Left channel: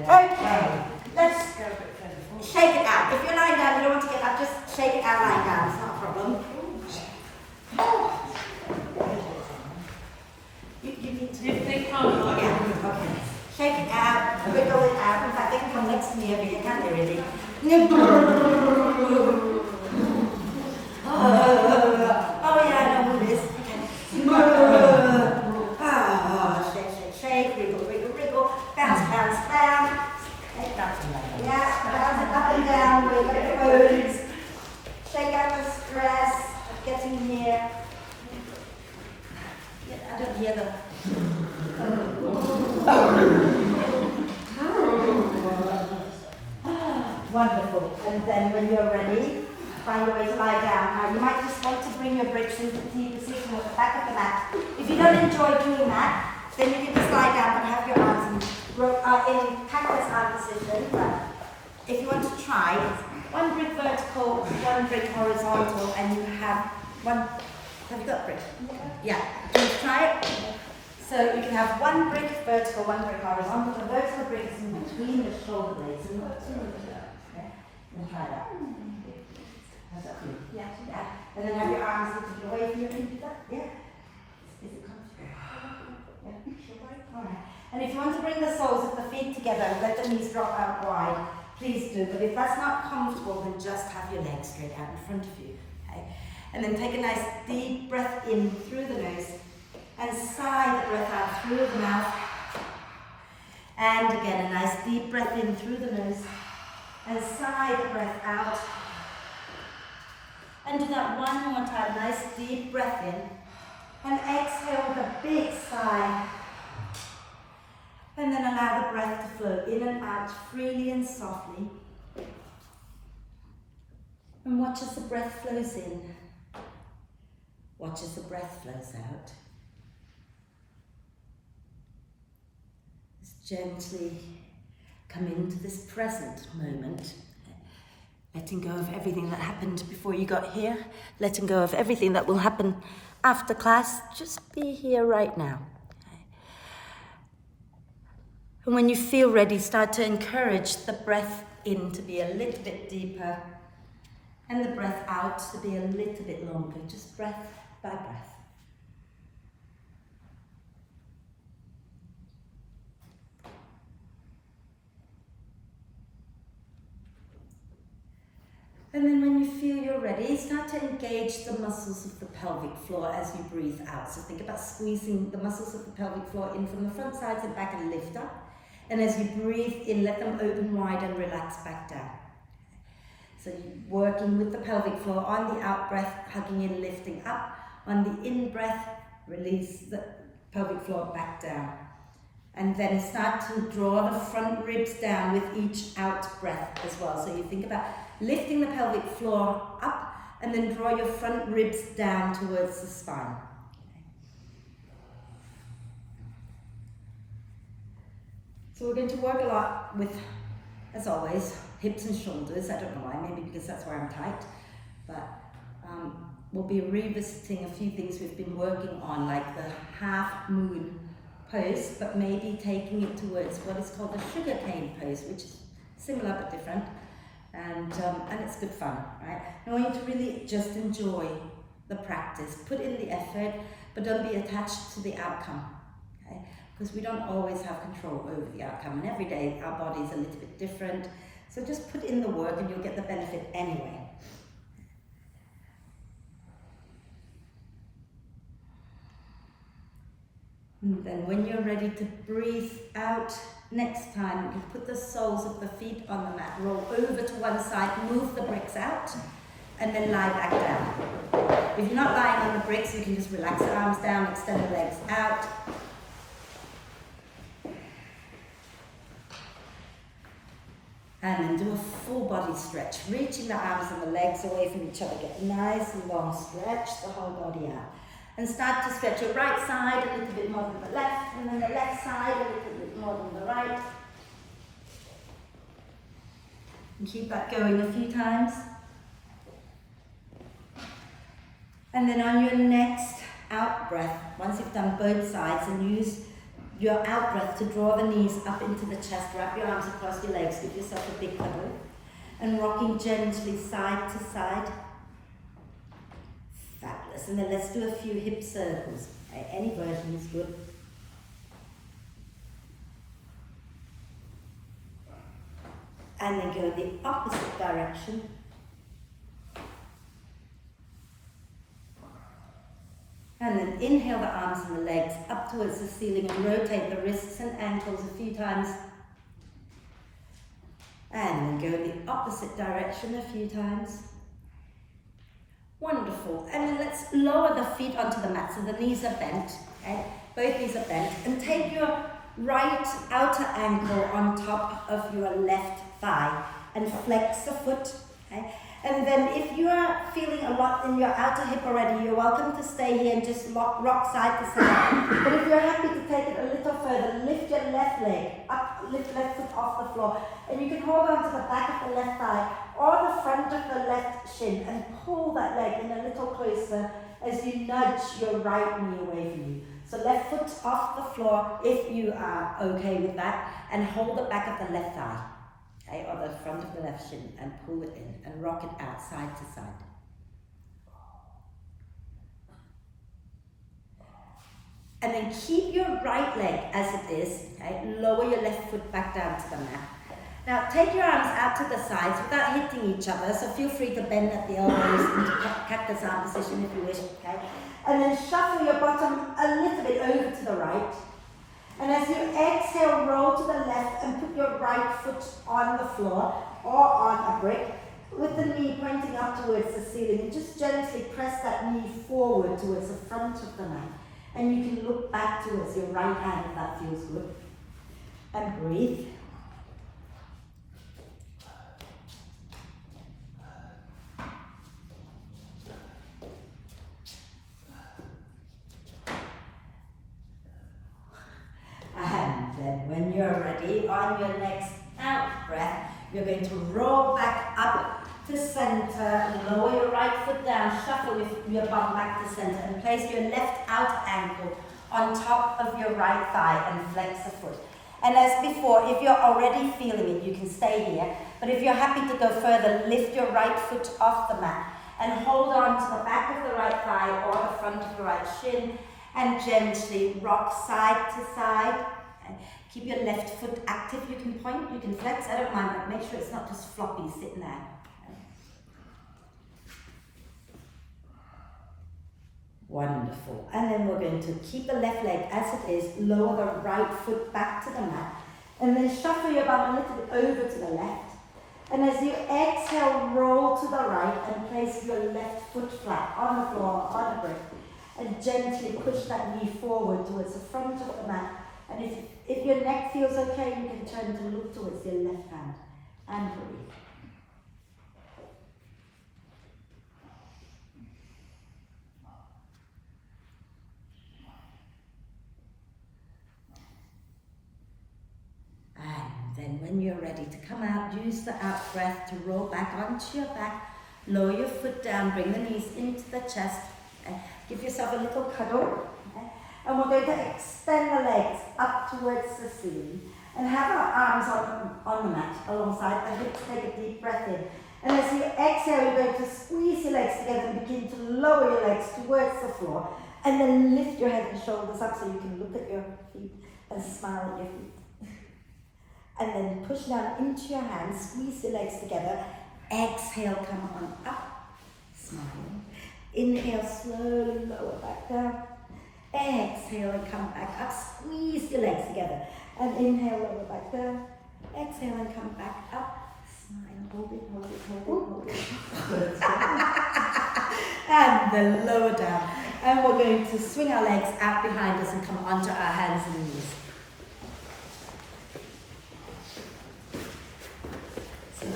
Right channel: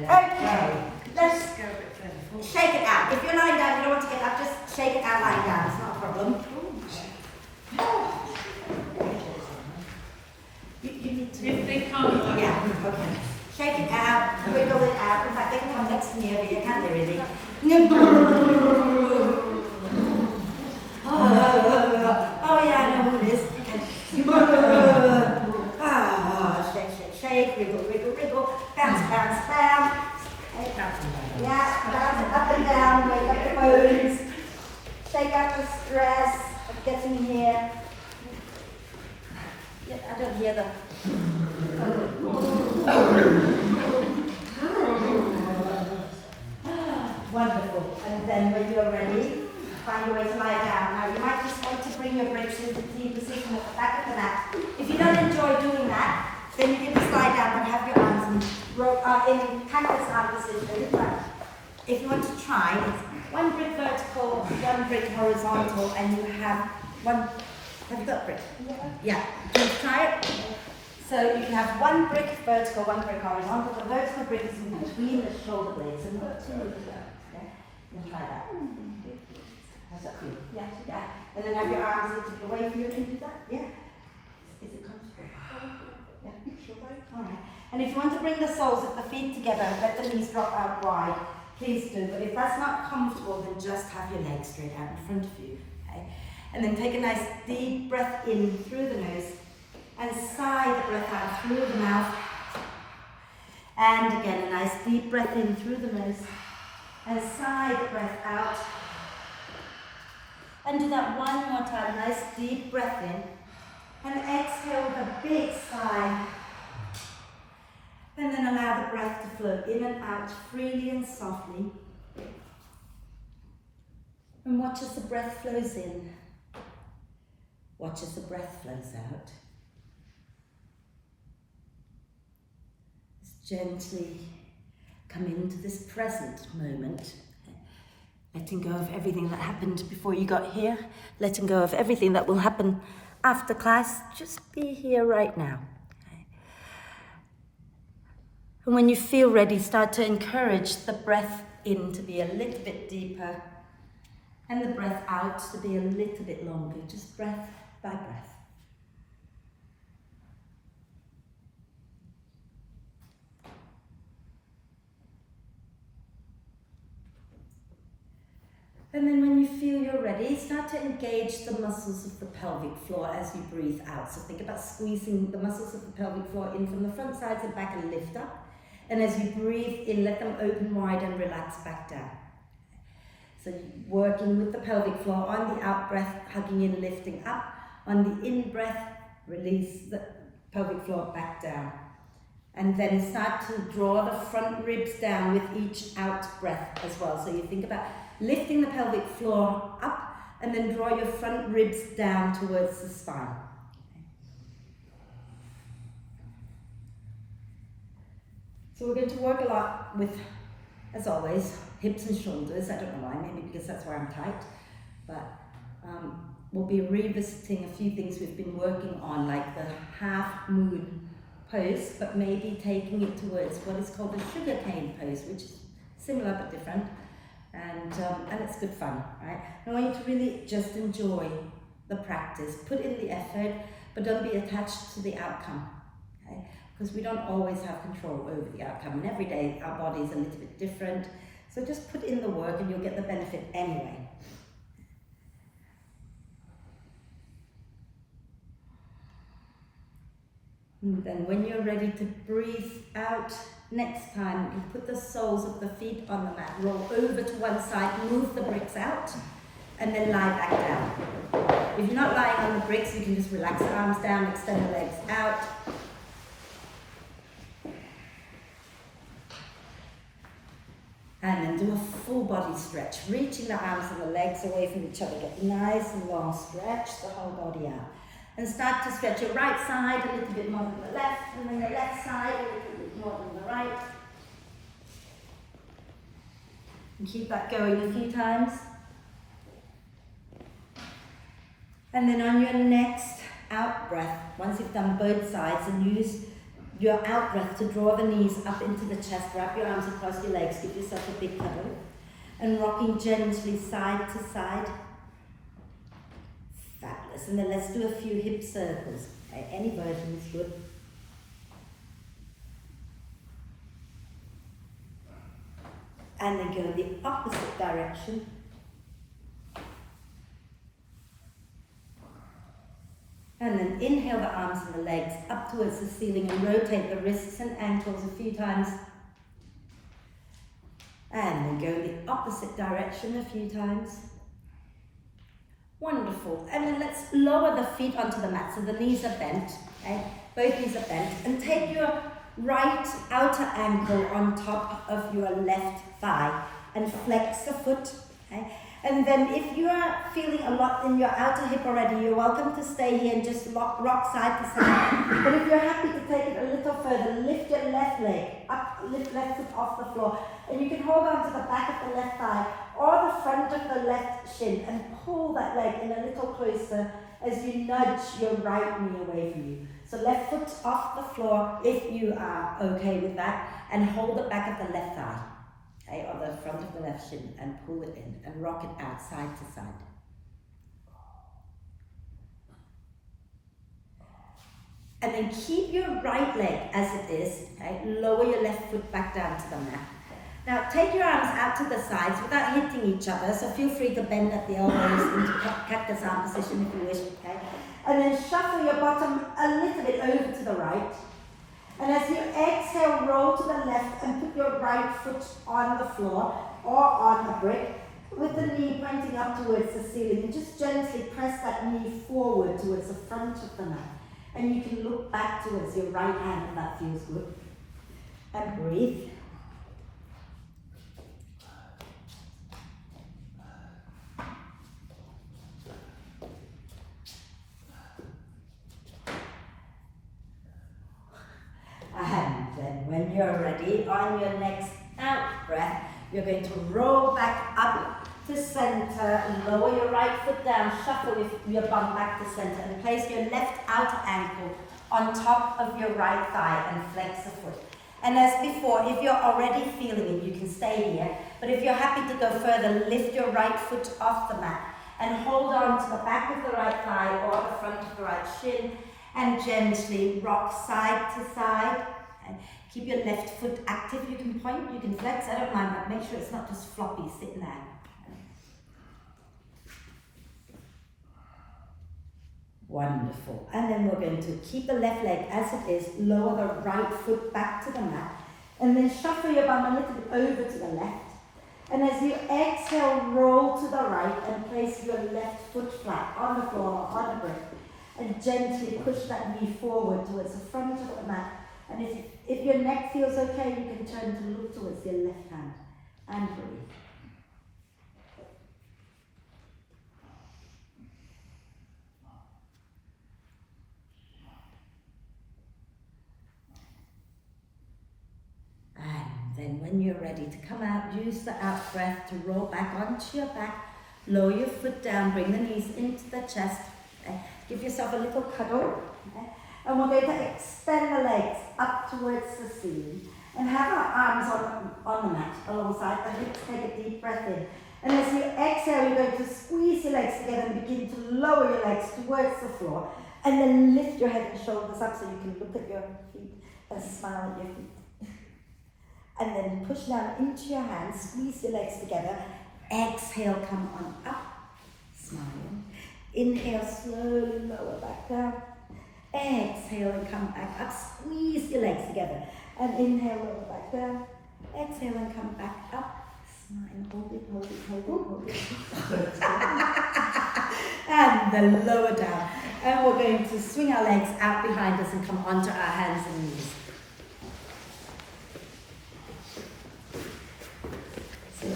Okay, let's shake it out. If you're lying down, you don't want to get up, just shake it out lying down. It's not a problem. Oh. You need to... Yeah, okay. Shake it out, wiggle it out. In fact, they can come next to me over here, can't they really? Oh yeah, I know who it is. Shake, wriggle, bounce, bounce. Yeah, bounce it up and down, wake up your bones. Shake out the stress of getting here. Yeah, I don't hear them. Wonderful. And then when you're ready, find a way to lie down. Now you might just want to bring your bricks into the position at the back of the mat. If you don't enjoy doing that, then you can just lie down but have your arms in kind of a side position. But if you want to try, it's one brick vertical, one brick horizontal, and you have one. Have you got brick? Yeah. Can you try it? So you can have one brick vertical, one brick horizontal. The vertical brick is in between the shoulder blades and not too much. Okay? And try that. How's that feel? Yeah. Yeah. And then have your arms lifted away from you. Can you do that? Yeah. Is it comfortable? Yeah. Alright. And if you want to bring the soles of the feet together, let the knees drop out wide, please do. But if that's not comfortable, then just have your legs straight out in front of you. Okay? And then take a nice deep breath in through the nose and sigh the breath out through the mouth. And again, a nice deep breath in through the nose and sigh the breath out. And do that one more time, nice deep breath in. And exhale with a big sigh. And then allow the breath to flow in and out freely and softly. And watch as the breath flows in. Watch as the breath flows out. Just gently come into this present moment. Letting go of everything that happened before you got here. Letting go of everything that will happen after class. Just be here right now. And when you feel ready, start to encourage the breath in to be a little bit deeper and the breath out to be a little bit longer, just breath by breath. And then when you feel you're ready, start to engage the muscles of the pelvic floor as you breathe out. So think about squeezing the muscles of the pelvic floor in from the front, sides and back and lift up. And as you breathe in, let them open wide and relax back down. So working with the pelvic floor on the out breath, hugging in, lifting up. On the in breath, release the pelvic floor back down. And then start to draw the front ribs down with each out breath as well. So you think about lifting the pelvic floor up and then draw your front ribs down towards the spine. So we're going to work a lot with, as always, hips and shoulders. I don't know why, maybe because that's where I'm tight. But we'll be revisiting a few things we've been working on, like the half moon pose, but maybe taking it towards what is called the sugar cane pose, which is similar but different. And it's good fun, right? I want you to really just enjoy the practice. Put in the effort, but don't be attached to the outcome, okay? Because we don't always have control over the outcome, and every day our body is a little bit different. So just put in the work and you'll get the benefit anyway. And then when you're ready to breathe out, next time you put the soles of the feet on the mat, roll over to one side, move the bricks out, and then lie back down. If you're not lying on the bricks, you can just relax the arms down, extend the legs out. And then do a full body stretch, reaching the arms and the legs away from each other. Get nice and long, stretch the whole body out. And start to stretch your right side a little bit more than the left, and then the left side a little bit more than the right. And keep that going a few times. And then on your next out breath, once you've done both sides, and use your out breath to draw the knees up into the chest, wrap your arms across your legs, give yourself a big cuddle, and rocking gently side to side. Fabulous. And then let's do a few hip circles. Okay, any version is good. And then go the opposite direction. And then inhale the arms and the legs up towards the ceiling and rotate the wrists and ankles a few times. And then go the opposite direction a few times. Wonderful. And then let's lower the feet onto the mat so the knees are bent. Okay? Both knees are bent. And take your right outer ankle on top of your left thigh and flex the foot. Okay? And then if you are feeling a lot in your outer hip already, you're welcome to stay here and just rock side to side. But if you're happy to take it a little further, lift your left leg up, lift left foot off the floor. And you can hold on to the back of the left thigh or the front of the left shin and pull that leg in a little closer as you nudge your right knee away from you. So left foot off the floor if you are okay with that, and hold the back of the left thigh. Okay, or the front of the left shin, and pull it in and rock it out side to side. And then keep your right leg as it is, okay? Lower your left foot back down to the mat. Now take your arms out to the sides without hitting each other, so feel free to bend at the elbows into cactus arm position if you wish, okay? And then shuffle your bottom a little bit over to the right. And as you exhale, roll to the left and put your right foot on the floor or on a brick with the knee pointing up towards the ceiling, and just gently press that knee forward towards the front of the mat. And you can look back towards your right hand if that feels good. And breathe. And then when you're ready, on your next out breath, you're going to roll back up to center and lower your right foot down, shuffle your bum back to center and place your left outer ankle on top of your right thigh and flex the foot. And as before, if you're already feeling it, you can stay here. But if you're happy to go further, lift your right foot off the mat and hold on to the back of the right thigh or the front of the right shin, and gently rock side to side. And keep your left foot active. You can point, you can flex, I don't mind, but make sure it's not just floppy sitting there. Wonderful. And then we're going to keep the left leg as it is, lower the right foot back to the mat, and then shuffle your bum a little bit over to the left. And as you exhale, roll to the right and place your left foot flat on the floor, on a brick, and gently push that knee forward towards the front of the mat. And if your neck feels okay, you can turn to look towards your left hand and breathe. And then when you're ready to come out, use the out breath to roll back onto your back, lower your foot down, bring the knees into the chest, give yourself a little cuddle. And we're going to extend the legs up towards the ceiling and have our arms on the mat alongside the hips. Take a deep breath in. And as you exhale, you're going to squeeze your legs together and begin to lower your legs towards the floor. And then lift your head and shoulders up so you can look at your feet and smile at your feet. And then push down into your hands, squeeze your legs together. Exhale, come on up, smile. Inhale, slowly lower back down. Exhale and come back up, squeeze your legs together. And inhale, lower back down. Exhale and come back up. Smile, hold it, hold it, hold it, hold it. And then lower down. And we're going to swing our legs out behind us and come onto our hands and knees. So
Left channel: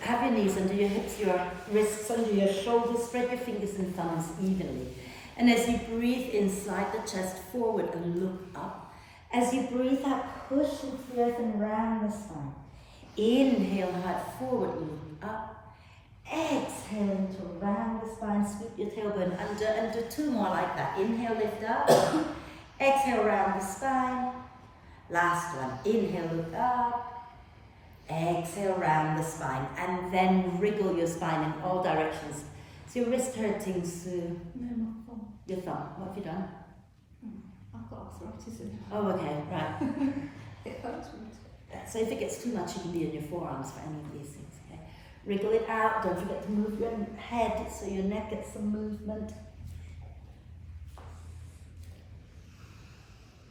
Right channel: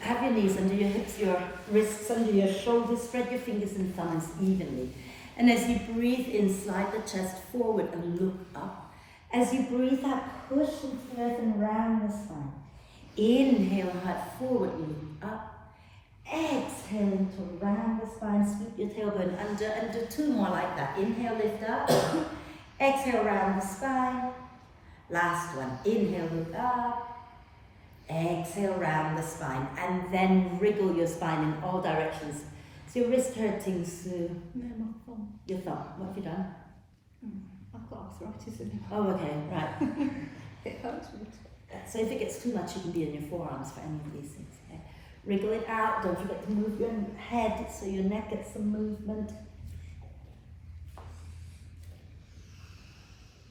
have your knees under your hips, your wrists under your shoulders, spread your fingers and thumbs evenly. And as you breathe in, slide the chest forward and look up. As you breathe out, push into the earth and round the spine. Inhale, heart forward, look up. Exhale into round the spine, scoop your tailbone under, and do two more like that. Inhale, lift up. Exhale, round the spine. Last one, inhale, look up. Exhale, round the spine, and then wriggle your spine in all directions. Is your wrist hurting, Sue? Yeah, my thumb. Your thumb. What have you done? I've got arthritis in it. Oh, okay, right. It hurts me. So if it gets too much, you can be in your forearms for any of these things. Okay. Wriggle it out. Don't forget to move your head so your neck gets some movement.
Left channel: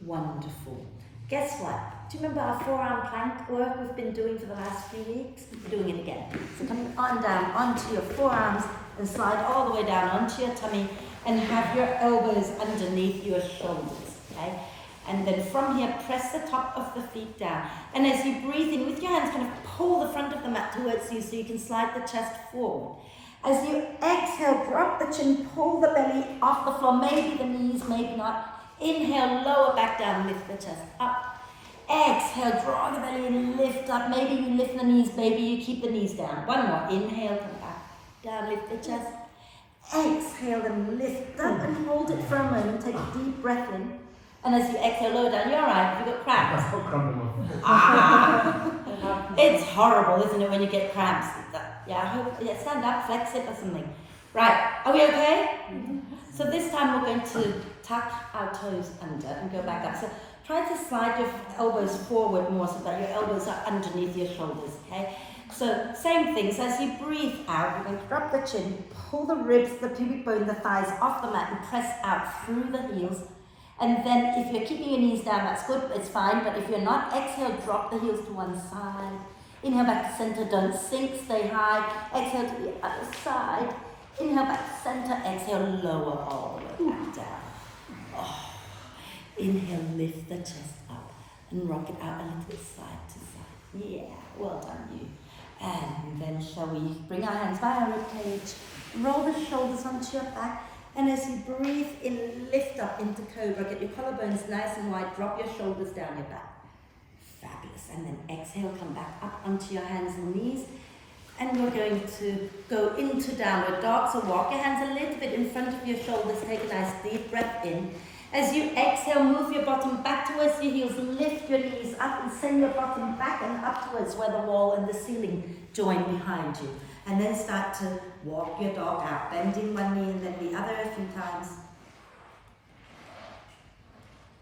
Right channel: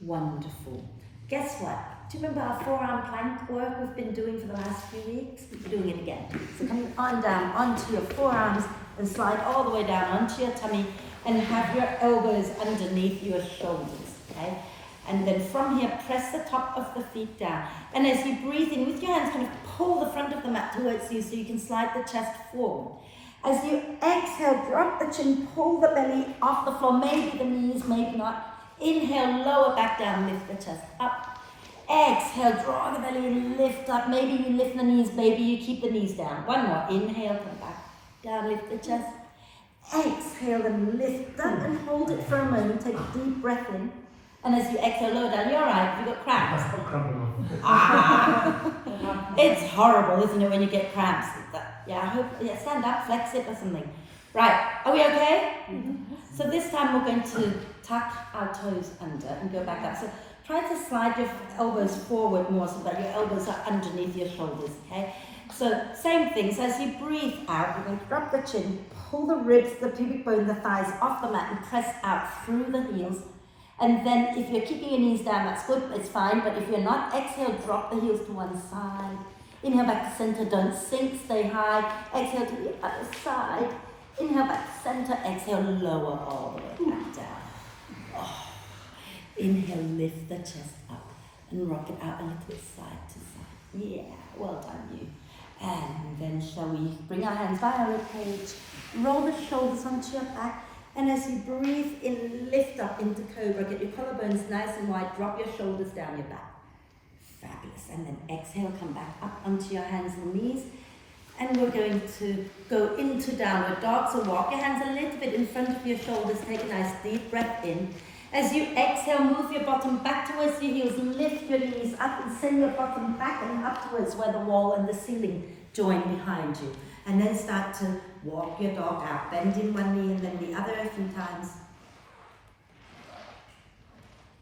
Wonderful. Guess what? Do you remember our forearm plank work we've been doing for the last few weeks? We're doing it again. So come on down onto your forearms and slide all the way down onto your tummy and have your elbows underneath your shoulders, okay? And then from here, press the top of the feet down. And as you breathe in with your hands, kind of pull the front of the mat towards you so you can slide the chest forward. As you exhale, drop the chin, pull the belly off the floor, maybe the knees, maybe not. Inhale, lower back down, lift the chest up. Exhale, draw the belly and lift up. Maybe you lift the knees, maybe you keep the knees down. One more, inhale, come back down, lift the chest. Exhale and lift up and hold it for a moment. Take a deep breath in. And as you exhale, lower down, you're all right, you've got cramps. It's horrible, isn't it, when you get cramps? Yeah, stand up, flex it or something. Right, are we okay? So this time we're going to tuck our toes under and go back up. So try to slide your elbows forward more so that your elbows are underneath your shoulders, okay? So same thing, so as you breathe out, you're going to drop the chin, pull the ribs, the pubic bone, the thighs off the mat and press out through the heels. And then if you're keeping your knees down, that's good, it's fine. But if you're not, exhale, drop the heels to one side. Inhale back to center, don't sink, stay high. Exhale to the other side. Inhale back to center, exhale, lower all the way back down. Oh. Inhale, lift the chest up and rock it out a little bit side to side. Yeah, well done you. And then shall we bring our hands by our ribcage, roll the shoulders onto your back, and as you breathe in, lift up into cobra, get your collarbones nice and wide, drop your shoulders down your back. Fabulous. And then exhale, come back up onto your hands and knees. And we're going to go into downward dog. So walk your hands a little bit in front of your shoulders, take a nice deep breath in. As you exhale, move your bottom back towards your heels and lift your knees up and send your bottom back and up towards where the wall and the ceiling join behind you. And then start to walk your dog out, bending one knee and then the other a few times.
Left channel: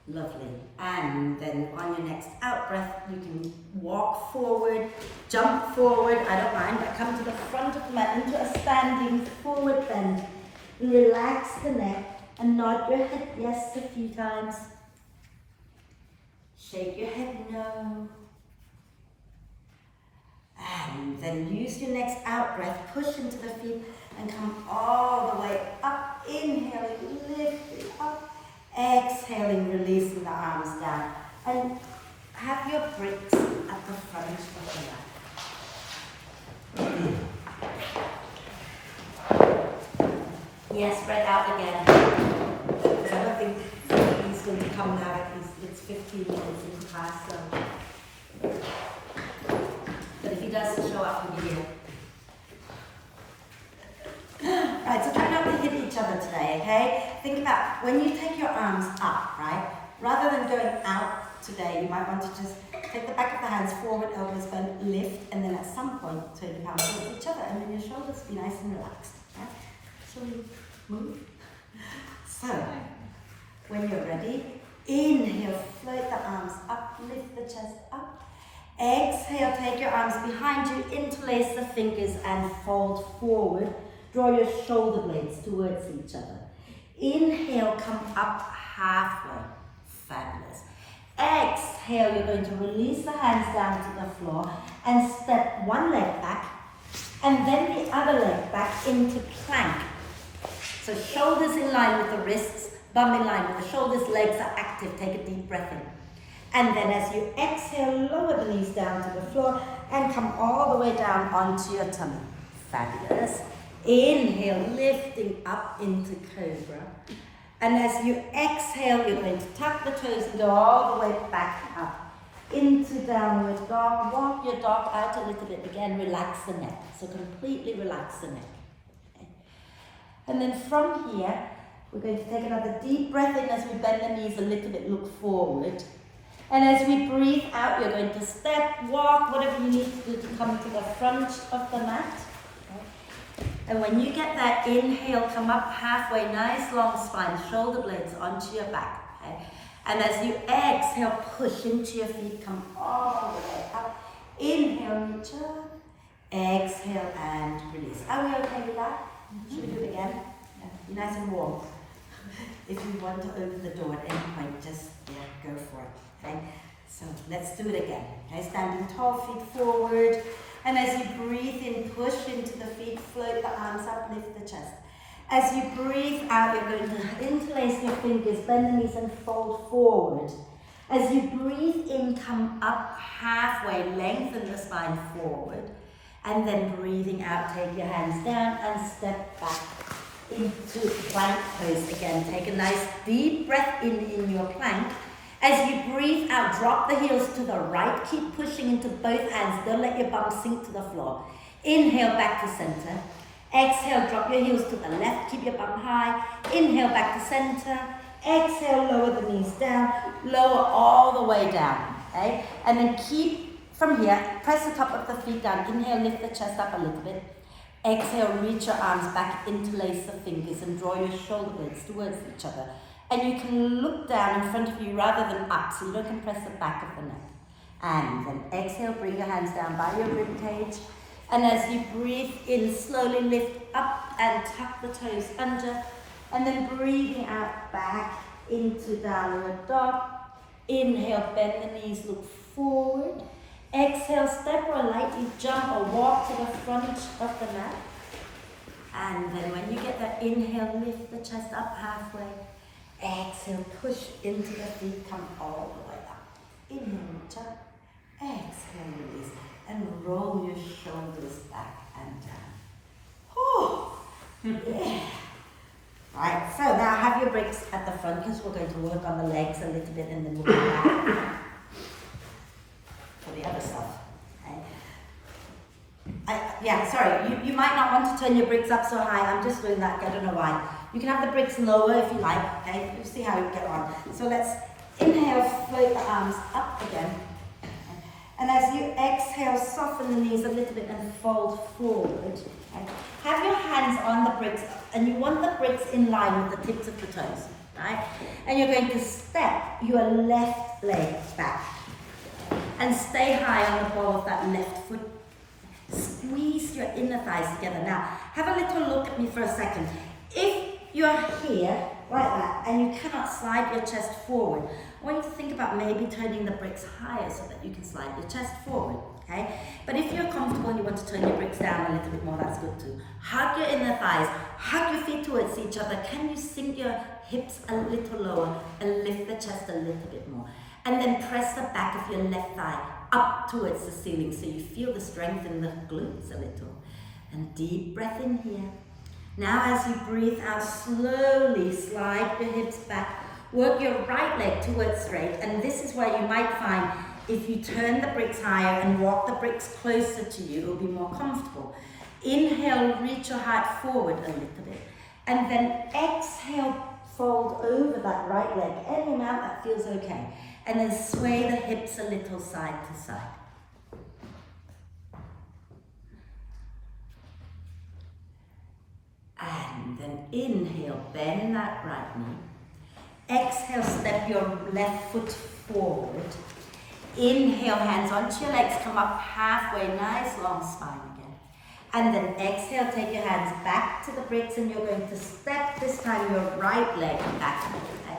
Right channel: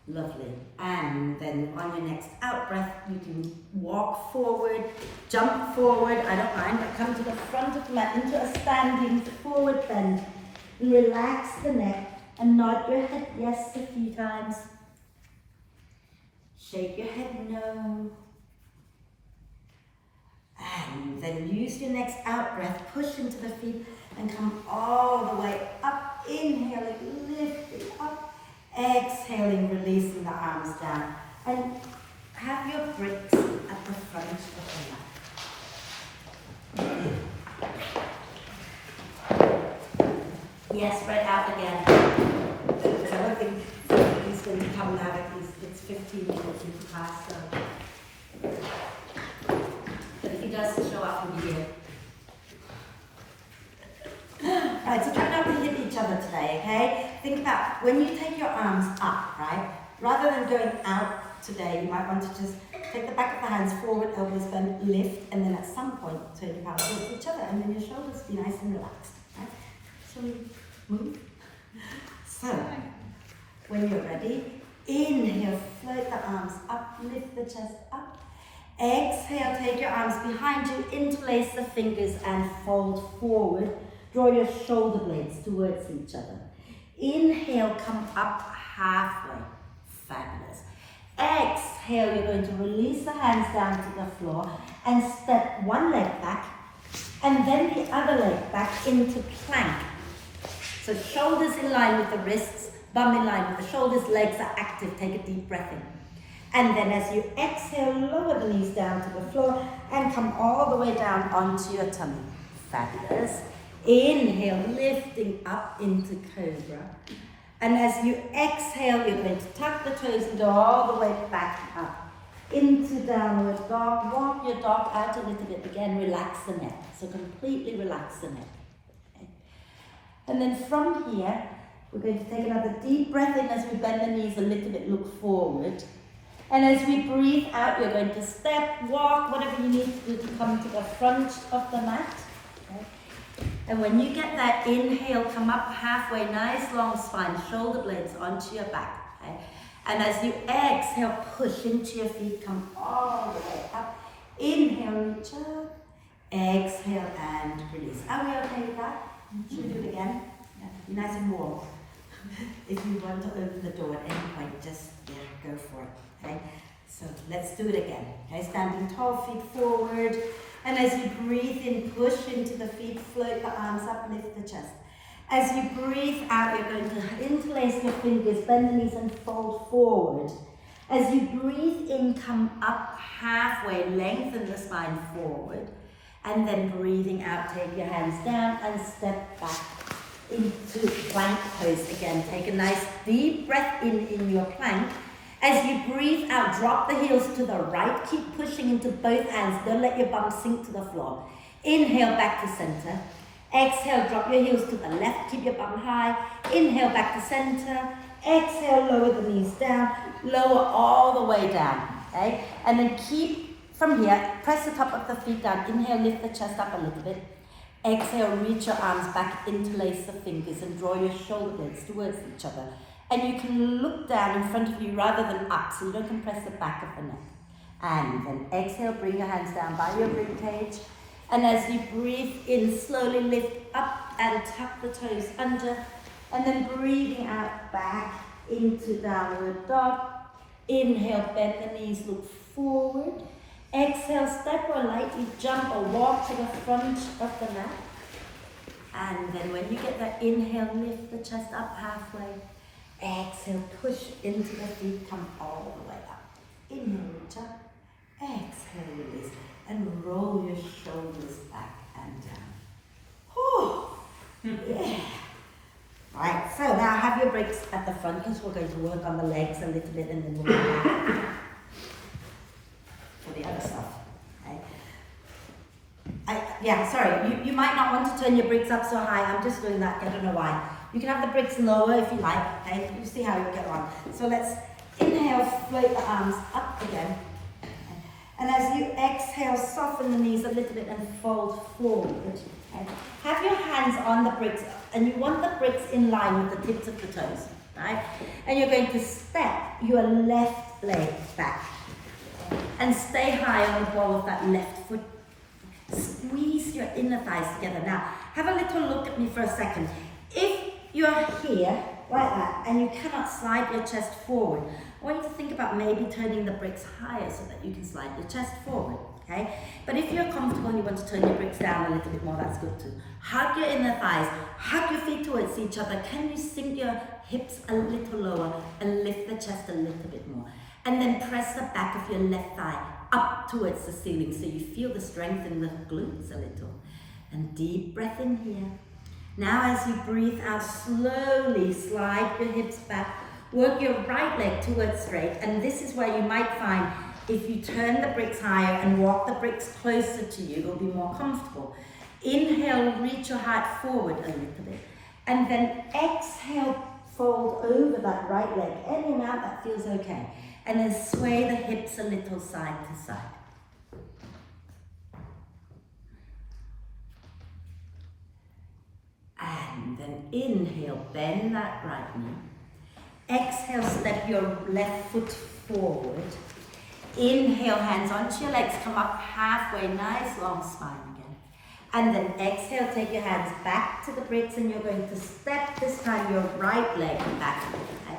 Lovely. And then on your next out breath, you can walk forward, jump forward, I don't mind, but come to the front of the mat into a standing forward bend. And relax the neck. And nod your head yes a few times. Shake your head no. And then use your next out breath. Push into the feet and come all the way up. Inhaling, lifting up. Exhaling, releasing the arms down. And have your bricks at the front of the mat. Yes, spread out again. I don't think he's going to come now, at least it's 15 minutes into class, so. But if he does show up, he'll be here. Right, so try not to hit each other today, okay? Think about when you take your arms up, right? Rather than going out today, you might want to just take the back of the hands forward, elbows bent, lift, and then at some point turn your palms towards each other, and then your shoulders be nice and relaxed, right? Shall we move? So, when you're ready, inhale, float the arms up, lift the chest up. Exhale, take your arms behind you, interlace the fingers and fold forward. Draw your shoulder blades towards each other. Inhale, come up halfway. Fabulous. Exhale, you're going to release the hands down to the floor and step one leg back and then the other leg back into plank. So shoulders in line with the wrists, bum in line with the shoulders, legs are active. Take a deep breath in. And then as you exhale, lower the knees down to the floor and come all the way down onto your tummy. Fabulous. Inhale, lifting up into cobra. And as you exhale, you're going to tuck the toes and go all the way back up into downward dog. Walk your dog out a little bit. Again, relax the neck. So completely relax the neck. Okay. And then from here, We're going to take another deep breath in as we bend the knees a little bit, look forward. And as we breathe out, you're going to step, walk, whatever you need to do to come to the front of the mat. Okay. And when you get that inhale, come up halfway, nice long spine, shoulder blades onto your back. Okay. And as you exhale, push into your feet, come all the way up. Inhale, reach up. Exhale and release. Are we okay with that? Should we do it again? Yeah. Be nice and warm. If you want to open the door at any point, just go for it. Okay? So let's do it again. Okay, standing tall, feet forward. And as you breathe in, push into the feet, float the arms up, lift the chest. As you breathe out, you're going to interlace your fingers, bend the knees and fold forward. As you breathe in, come up halfway, lengthen the spine forward. And then breathing out, take your hands down and step back into plank pose again. Take a nice deep breath in your plank. As you breathe out, drop the heels to the right. Keep pushing into both hands. Don't let your bum sink to the floor. Inhale back to center. Exhale, drop your heels to the left. Keep your bum high. Inhale back to center. Exhale, lower the knees down. Lower all the way down. Okay? And then keep from here, press the top of the feet down. Inhale, lift the chest up a little bit. Exhale, reach your arms back, interlace the fingers and draw your shoulder blades towards each other. And you can look down in front of you rather than up, so you don't compress the back of the neck. And then exhale, bring your hands down by your rib cage. And as you breathe in, slowly lift up and tuck the toes under. And then breathing out back into downward dog. Inhale, bend the knees, look forward. Exhale, step or lightly jump or walk to the front of the mat. And then when you get that inhale, lift the chest up halfway. Exhale, push into the feet, come all the way up. Inhale, reach up. Exhale, release. And roll your shoulders back and down. Oh, yeah. Right, so now have your breaks at the front because we're going to work on the legs a little bit and then we'll come back for the other stuff. Okay. Sorry, you might not want to turn your bricks up so high. I'm just doing that, I don't know why. You can have the bricks lower if you like, okay? You'll see how you get on. So let's inhale, float the arms up again. And as you exhale, soften the knees a little bit and fold forward. Okay? Have your hands on the bricks, and you want the bricks in line with the tips of the toes, right? And you're going to step your left leg back. And stay high on the ball of that left foot. Squeeze your inner thighs together. Now, have a little look at me for a second. If you're here, like that, and you cannot slide your chest forward, I want you to think about maybe turning the bricks higher so that you can slide your chest forward, okay? But if you're comfortable and you want to turn your bricks down a little bit more, that's good too. Hug your inner thighs, hug your feet towards each other. Can you sink your hips a little lower and lift the chest a little bit more? And then press the back of your left thigh up towards the ceiling so you feel the strength in the glutes a little. And deep breath in here. Now as you breathe out, slowly slide your hips back. Work your right leg towards straight. And this is where you might find if you turn the bricks higher and walk the bricks closer to you, it'll be more comfortable. Inhale, reach your heart forward a little bit. And then exhale, fold over that right leg, any amount that feels okay. And then sway the hips a little side to side. And then inhale, bend that right knee. Exhale, step your left foot forward. Inhale, hands onto your legs, come up halfway, nice long spine again. And then exhale, take your hands back to the bricks and you're going to step this time your right leg back. Okay?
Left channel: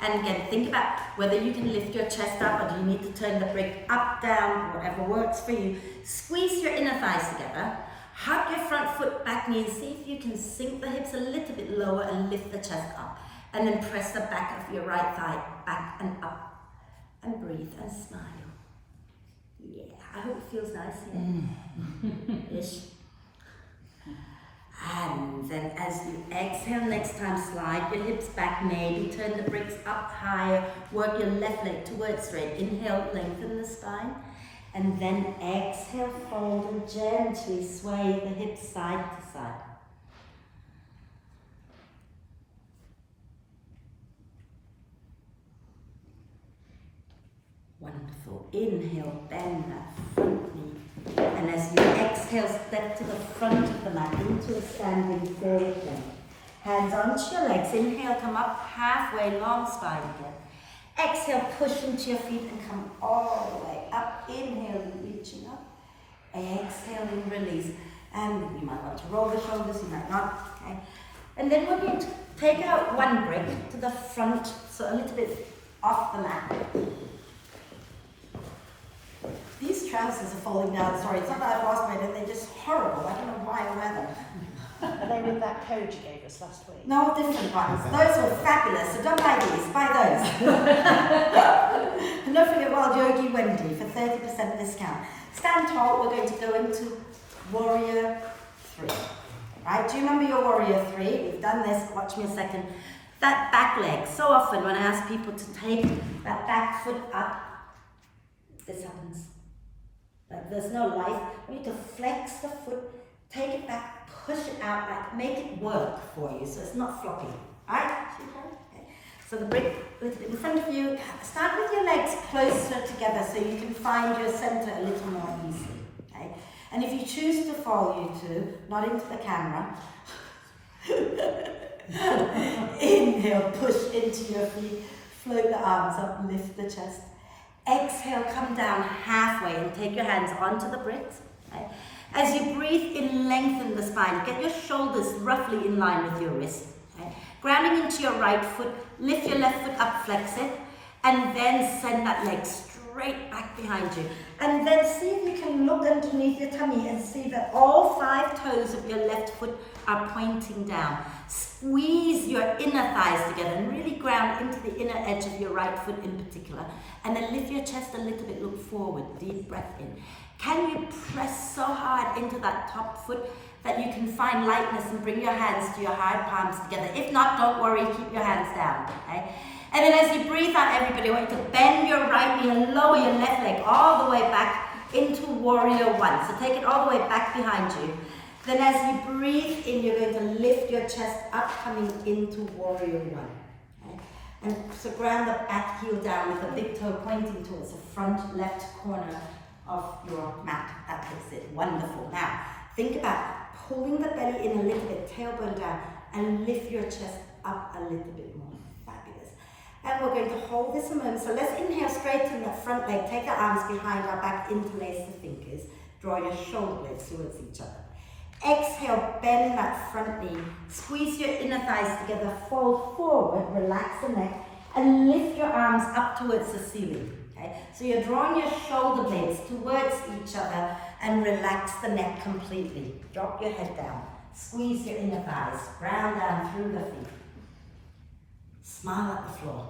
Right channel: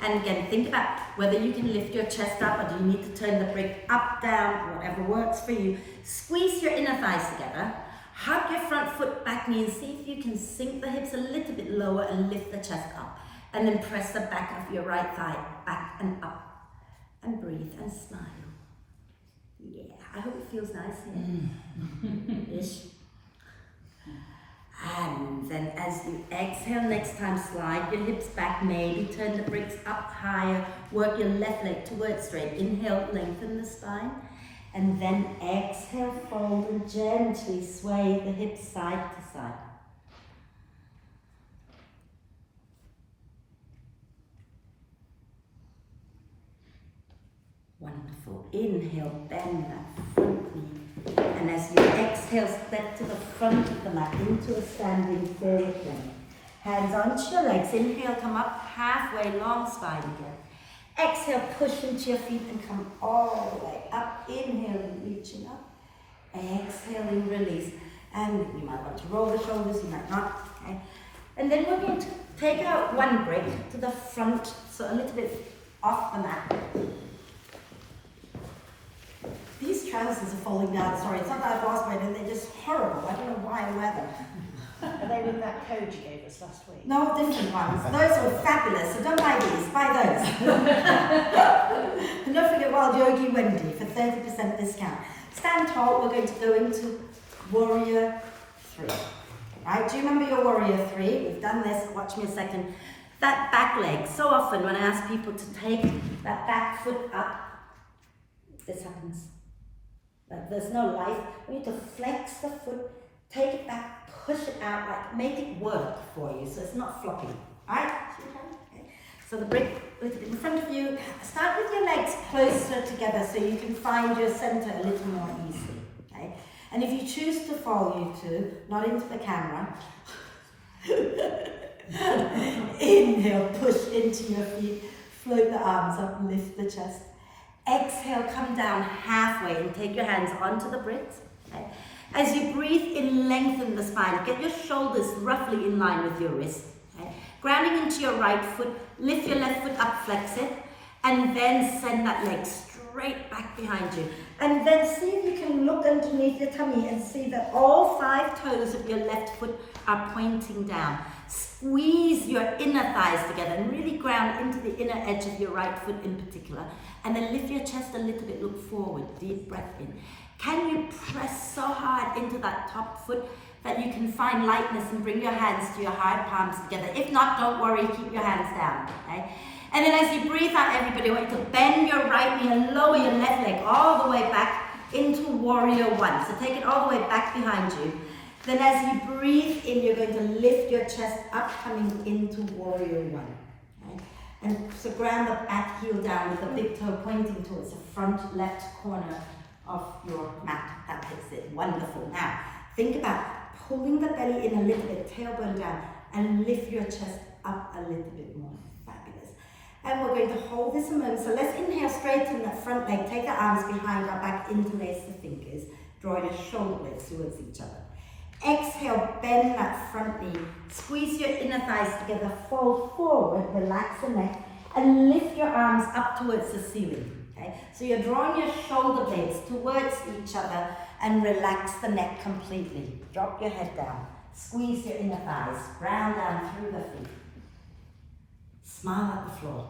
And again, think about whether you can lift your chest up or do you need to turn the brick up, down, whatever works for you. Squeeze your inner thighs together. Hug your front foot, back knee, and see if you can sink the hips a little bit lower and lift the chest up. And then press the back of your right thigh back and up. And breathe and smile. Yeah, I hope it feels nice here. Ish. And then as you exhale, next time slide your hips back, maybe turn the bricks up higher, work your left leg towards straight. Inhale, lengthen the spine. And then exhale, fold and gently sway the hips side to side. inhale, bend that front knee. And as you exhale, step to the front of the mat into a standing forward bend. Hands onto your legs. Inhale, come up halfway, long spine again. Exhale, push into your feet and come all the way up. Inhaling, reaching up. Exhaling, release. And you might want to roll the shoulders, you might not. Okay. And then we're going to take out one brick to the front, so a little bit off the mat. These trousers are falling down, sorry, it's not that I've lost weight, they're just horrible. I don't know why I wear them. Are they with that code you gave us last week? No, different ones. Those were fabulous, so don't buy these, buy those. And don't forget Wild Yogi Wendy for 30% discount. Stand tall, we're going to go into Warrior 3. Right, do you remember your Warrior 3? We've done this, watch me a second. That back leg, so often when I ask people to take that back foot up, this happens. Like there's no life. We need to flex the foot, take it back, push it out, like make it work for you so it's not floppy. Alright? Okay. So the brick a little bit in front of you. Start with your legs closer together so you can find your center a little more easily. Okay? And if you choose to fall, you two, not into the camera. Inhale, push into your feet, float the arms up, lift the chest. Exhale, come down halfway and take your hands onto the bricks. Okay? As you breathe in, lengthen the spine. Get your shoulders roughly in line with your wrist. Okay? Grounding into your right foot, lift your left foot up, flex it, and then send that leg straight back behind you. And then see if you can look underneath your tummy and see that all 5 toes of your left foot are pointing down. Squeeze your inner thighs together and really ground into the inner edge of your right foot in particular. And then lift your chest a little bit, look forward, deep breath in. Can you press so hard into that top foot that you can find lightness and bring your hands to your hard palms together? If not, don't worry, keep your hands down, okay? And then as you breathe out, everybody, I want you to bend your right knee and lower your left leg all the way back into Warrior 1. So take it all the way back behind you. Then as you breathe in, you're going to lift your chest up, coming into Warrior 1. Okay? And so ground the back heel down with the big toe pointing towards the front left corner of your mat. That takes it. Wonderful. Now, think about pulling the belly in a little bit, tailbone down, and lift your chest up a little bit more. Fabulous. And we're going to hold this a moment. So let's inhale, straighten the front leg, take the arms behind our back, interlace the fingers, draw your shoulder blades towards each other. Exhale, bend that front knee, squeeze your inner thighs together, fold forward, relax the neck, and lift your arms up towards the ceiling. Okay? So you're drawing your shoulder blades towards each other and relax the neck completely. Drop your head down, squeeze your inner thighs, ground down through the feet. Smile at the floor.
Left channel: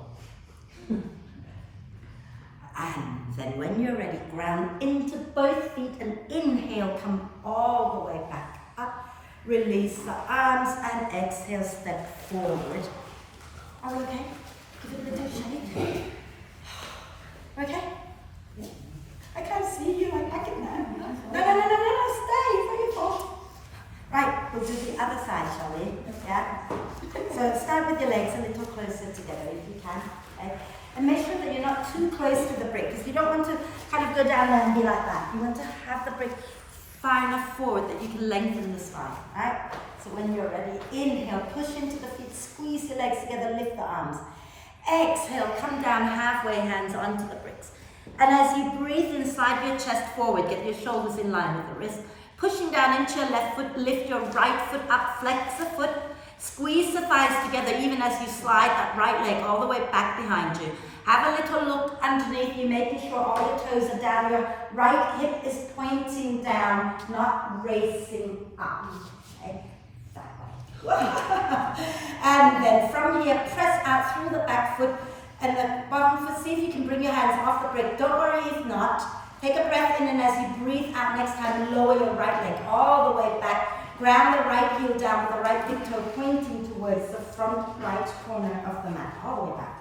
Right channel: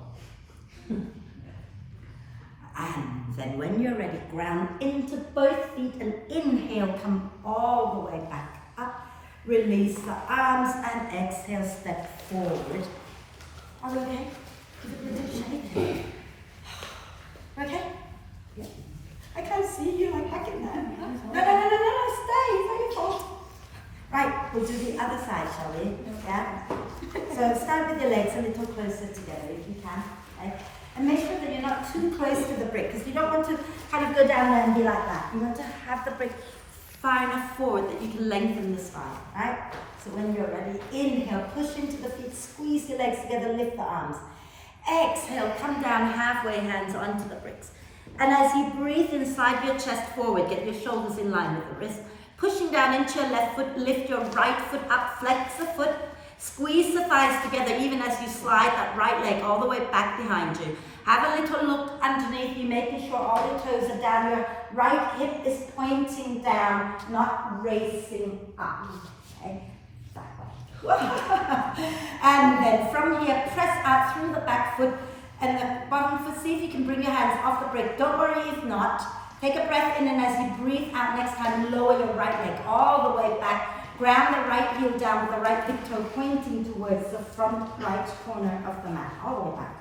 And then when you're ready, ground into both feet and inhale, come all the way back up. Release the arms and exhale, step forward. Are we okay? Give it a little shake. Okay? Yeah. I can't see you, I'm back in there. No, stay, it's not your fault. Right, we'll do the other side, shall we? Yeah? So start with your legs a little closer together if you can. Okay? And make sure that you're not too close to the brick, because you don't want to kind of go down there and be like that. You want to have the brick far enough forward that you can lengthen the spine, right? So when you're ready, inhale, push into the feet, squeeze your legs together, lift the arms. Exhale, come down halfway, hands onto the bricks. And as you breathe in, slide your chest forward, get your shoulders in line with the wrist. Pushing down into your left foot, lift your right foot up, flex the foot. Squeeze the thighs together even as you slide that right leg all the way back behind you. Have a little look underneath you, making sure all your toes are down. Your right hip is pointing down, not racing up. Okay? That way. And then from here, press out through the back foot and the bottom foot. See if you can bring your hands off the brick. Don't worry if not. Take a breath in, and as you breathe out next time, lower your right leg all the way back. Ground the right heel down with the right big toe pointing towards the front right corner of the mat, all the way back.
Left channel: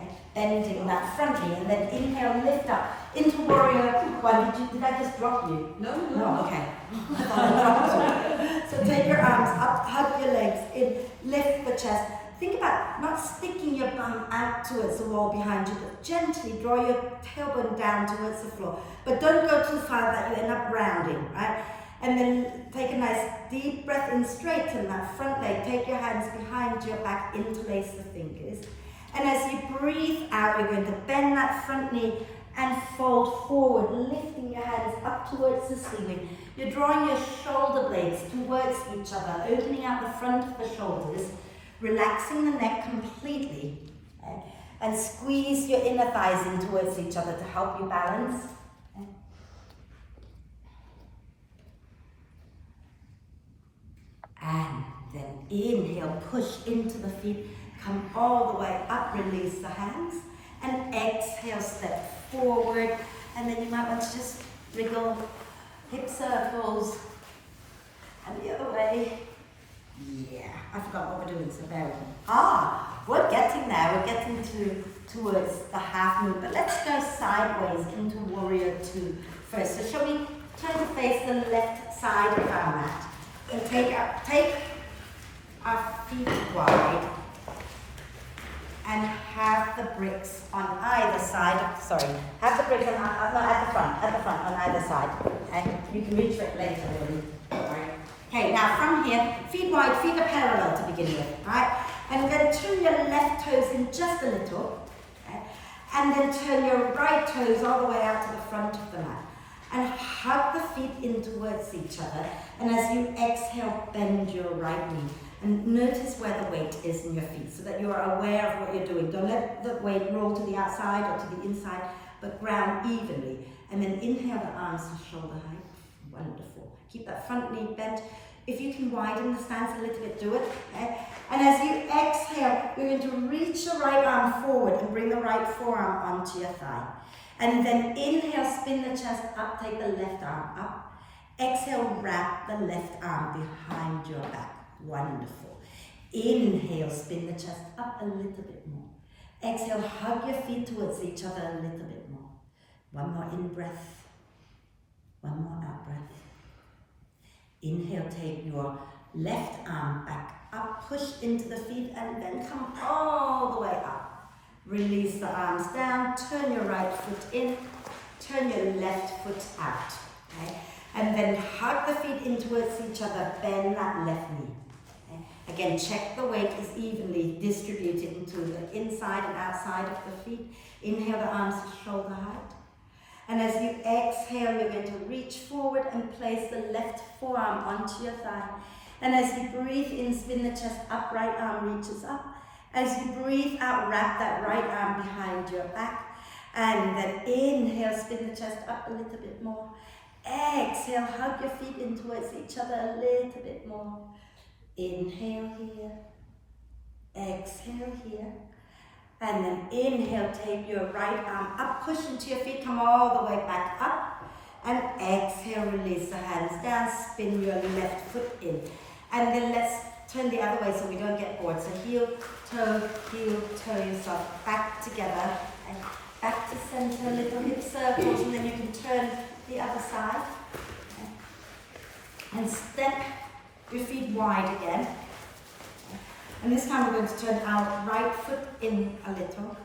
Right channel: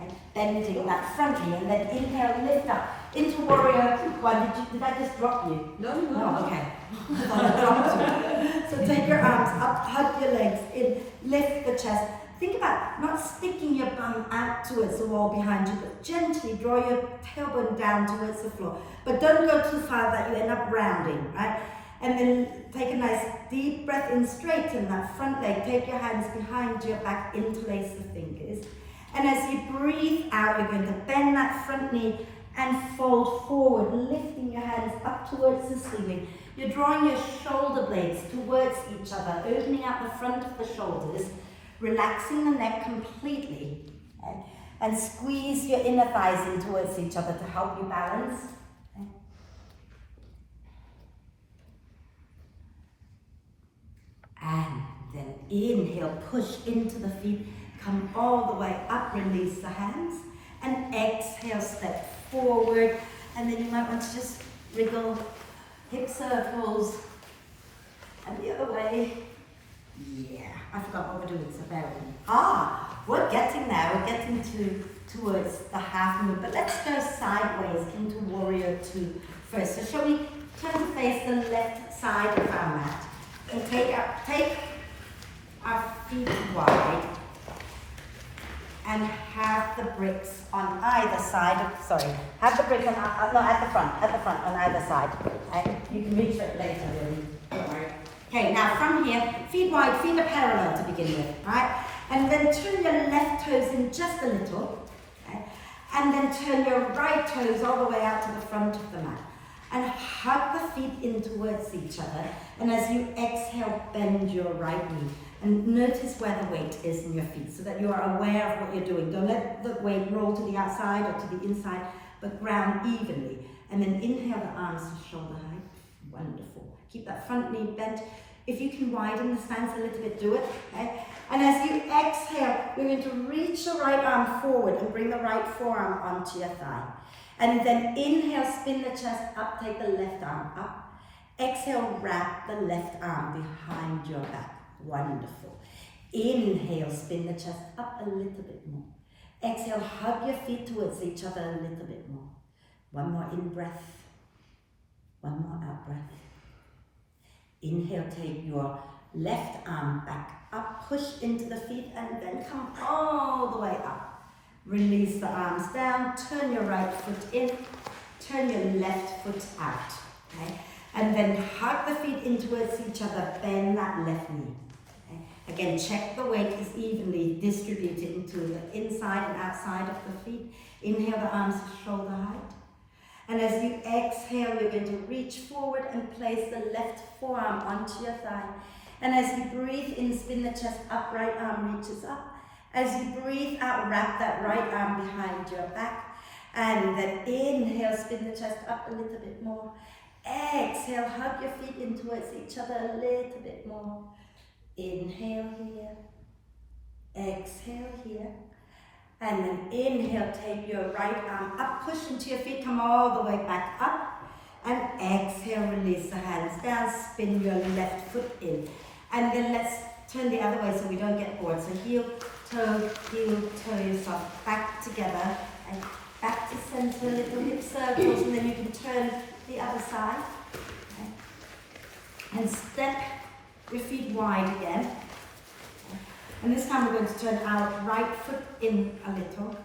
And bending that front knee, and then inhale, lift up into Warrior 1. Did I just drop you? No, okay. I thought I dropped you. So take your arms up, hug your legs in, lift the chest, think about not sticking your bum out towards the wall behind you, but gently draw your tailbone down towards the floor. But don't go too far that you end up rounding, right? And then take a nice deep breath in, straighten that front leg. Take your hands behind your back, interlace the fingers. And as you breathe out, you're going to bend that front knee and fold forward, lifting your hands up towards the ceiling. You're drawing your shoulder blades towards each other, opening out the front of the shoulders, relaxing the neck completely, okay? And squeeze your inner thighs in towards each other to help you balance. Okay? And then inhale, push into the feet, come all the way up, release the hands, and exhale, step forward, and then you might want to just wriggle hip circles, and the other way. Yeah, I forgot what we're doing, so bear with me. We're getting there, we're getting towards the half moon, but let's go sideways into warrior two first. So shall we turn to face the left side of our mat, and take our feet wide, and have the bricks on either side. Have the bricks on, not at the front, on either side. Okay? You can reach for it later, really. Don't worry. Okay, now from here, feet wide, feet are parallel to begin with, right? And then turn your left toes in just a little, okay? And then turn your right toes all the way out to the front of the mat. And hug the feet in towards each other. And as you exhale, bend your right knee. And notice where the weight is in your feet so that you are aware of what you're doing. Don't let the weight roll to the outside or to the inside, but ground evenly. And then inhale the arms to shoulder height. Wonderful. Keep that front knee bent. If you can widen the stance a little bit, do it. Okay? And as you exhale, you're going to reach the right arm forward and bring the right forearm onto your thigh. And then inhale, spin the chest up, take the left arm up. Exhale, wrap the left arm behind your back. Wonderful. Inhale, spin the chest up a little bit more. Exhale, hug your feet towards each other a little bit more. One more in breath. One more out breath. Inhale, take your left arm back up, push into the feet, and then come all the way up. Release the arms down, turn your right foot in, turn your left foot out. Okay? And then hug the feet in towards each other, bend that left knee. Okay? Again, check the weight is evenly distributed into the inside and outside of the feet. Inhale the arms to shoulder height. And as you exhale, you're going to reach forward and place the left forearm onto your thigh. And as you breathe in, spin the chest up, right arm reaches up. As you breathe out, wrap that right arm behind your back. And then inhale, spin the chest up a little bit more. Exhale, hug your feet in towards each other a little bit more. Inhale here. Exhale here. And then inhale, take your right arm up, push into your feet, come all the way back up. And exhale, release the hands down, spin your left foot in. And then let's turn the other way so we don't get bored. So heel, toe, yourself back together. And back to center, little hip circles, and then you can turn the other side. Okay. And step your feet wide again. And this time we're going to turn our right foot in a little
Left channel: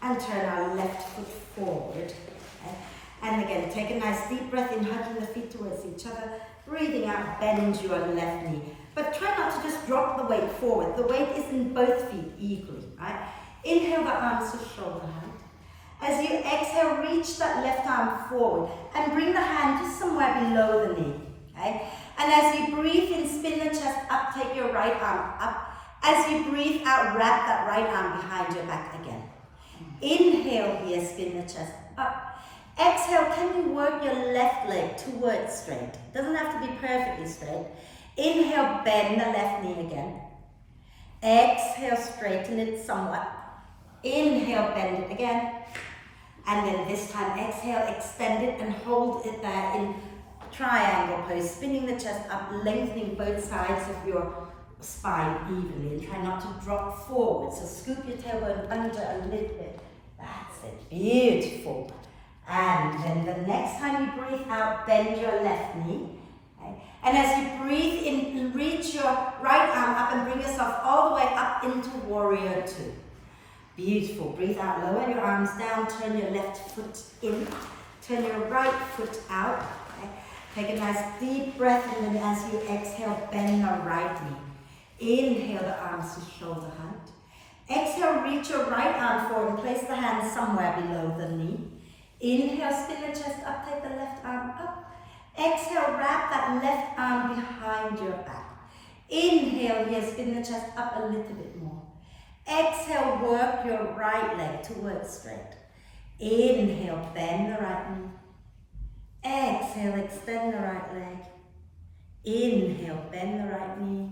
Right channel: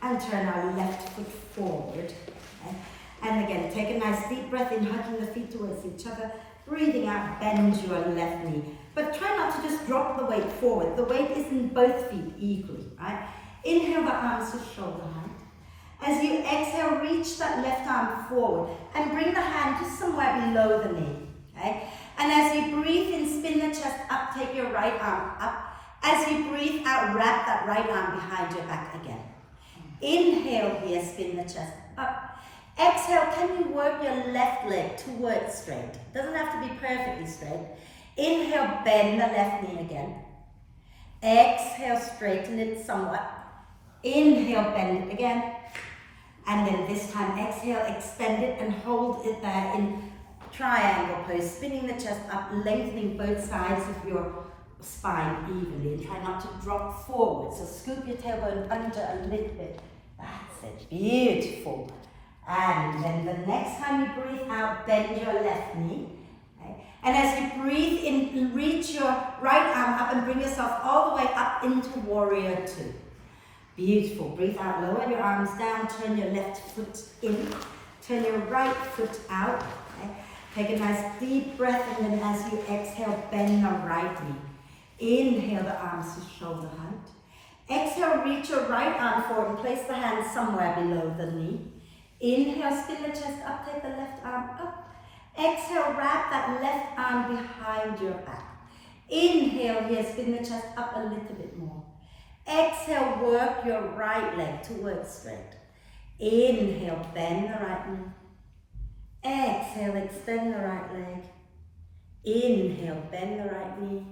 and turn our left foot forward. Okay? And again, take a nice deep breath in, hugging the feet towards each other. Breathing out, bend your left knee. But try not to just drop the weight forward. The weight is in both feet equally, right? Inhale the arms to shoulder height. As you exhale, reach that left arm forward and bring the hand just somewhere below the knee, okay? And as you breathe in, spin the chest up, take your right arm up. As you breathe out, wrap that right arm behind your back again. Inhale here, spin the chest up. Exhale, can you work your left leg towards straight? Doesn't have to be perfectly straight. Inhale, bend the left knee again. Exhale, straighten it somewhat. Inhale, bend it again. And then this time, exhale, extend it and hold it there in triangle pose, spinning the chest up, lengthening both sides of your spine evenly, and try not to drop forward. So scoop your tailbone under a little bit. That's it. Beautiful. And then the next time you breathe out, bend your left knee. Okay? And as you breathe in, reach your right arm up and bring yourself all the way up into warrior two. Beautiful. Breathe out, lower your arms down, turn your left foot in, turn your right foot out. Okay? Take a nice deep breath, and then as you exhale, bend the right knee. Inhale the arms to shoulder height. Exhale, reach your right arm forward and place the hand somewhere below the knee. Inhale, spin the chest up, take the left arm up. Exhale, wrap that left arm behind your back. Inhale here, spin the chest up a little bit more. Exhale, work your right leg towards straight. Inhale, bend the right knee. Exhale, extend the right leg. Inhale, bend the right knee.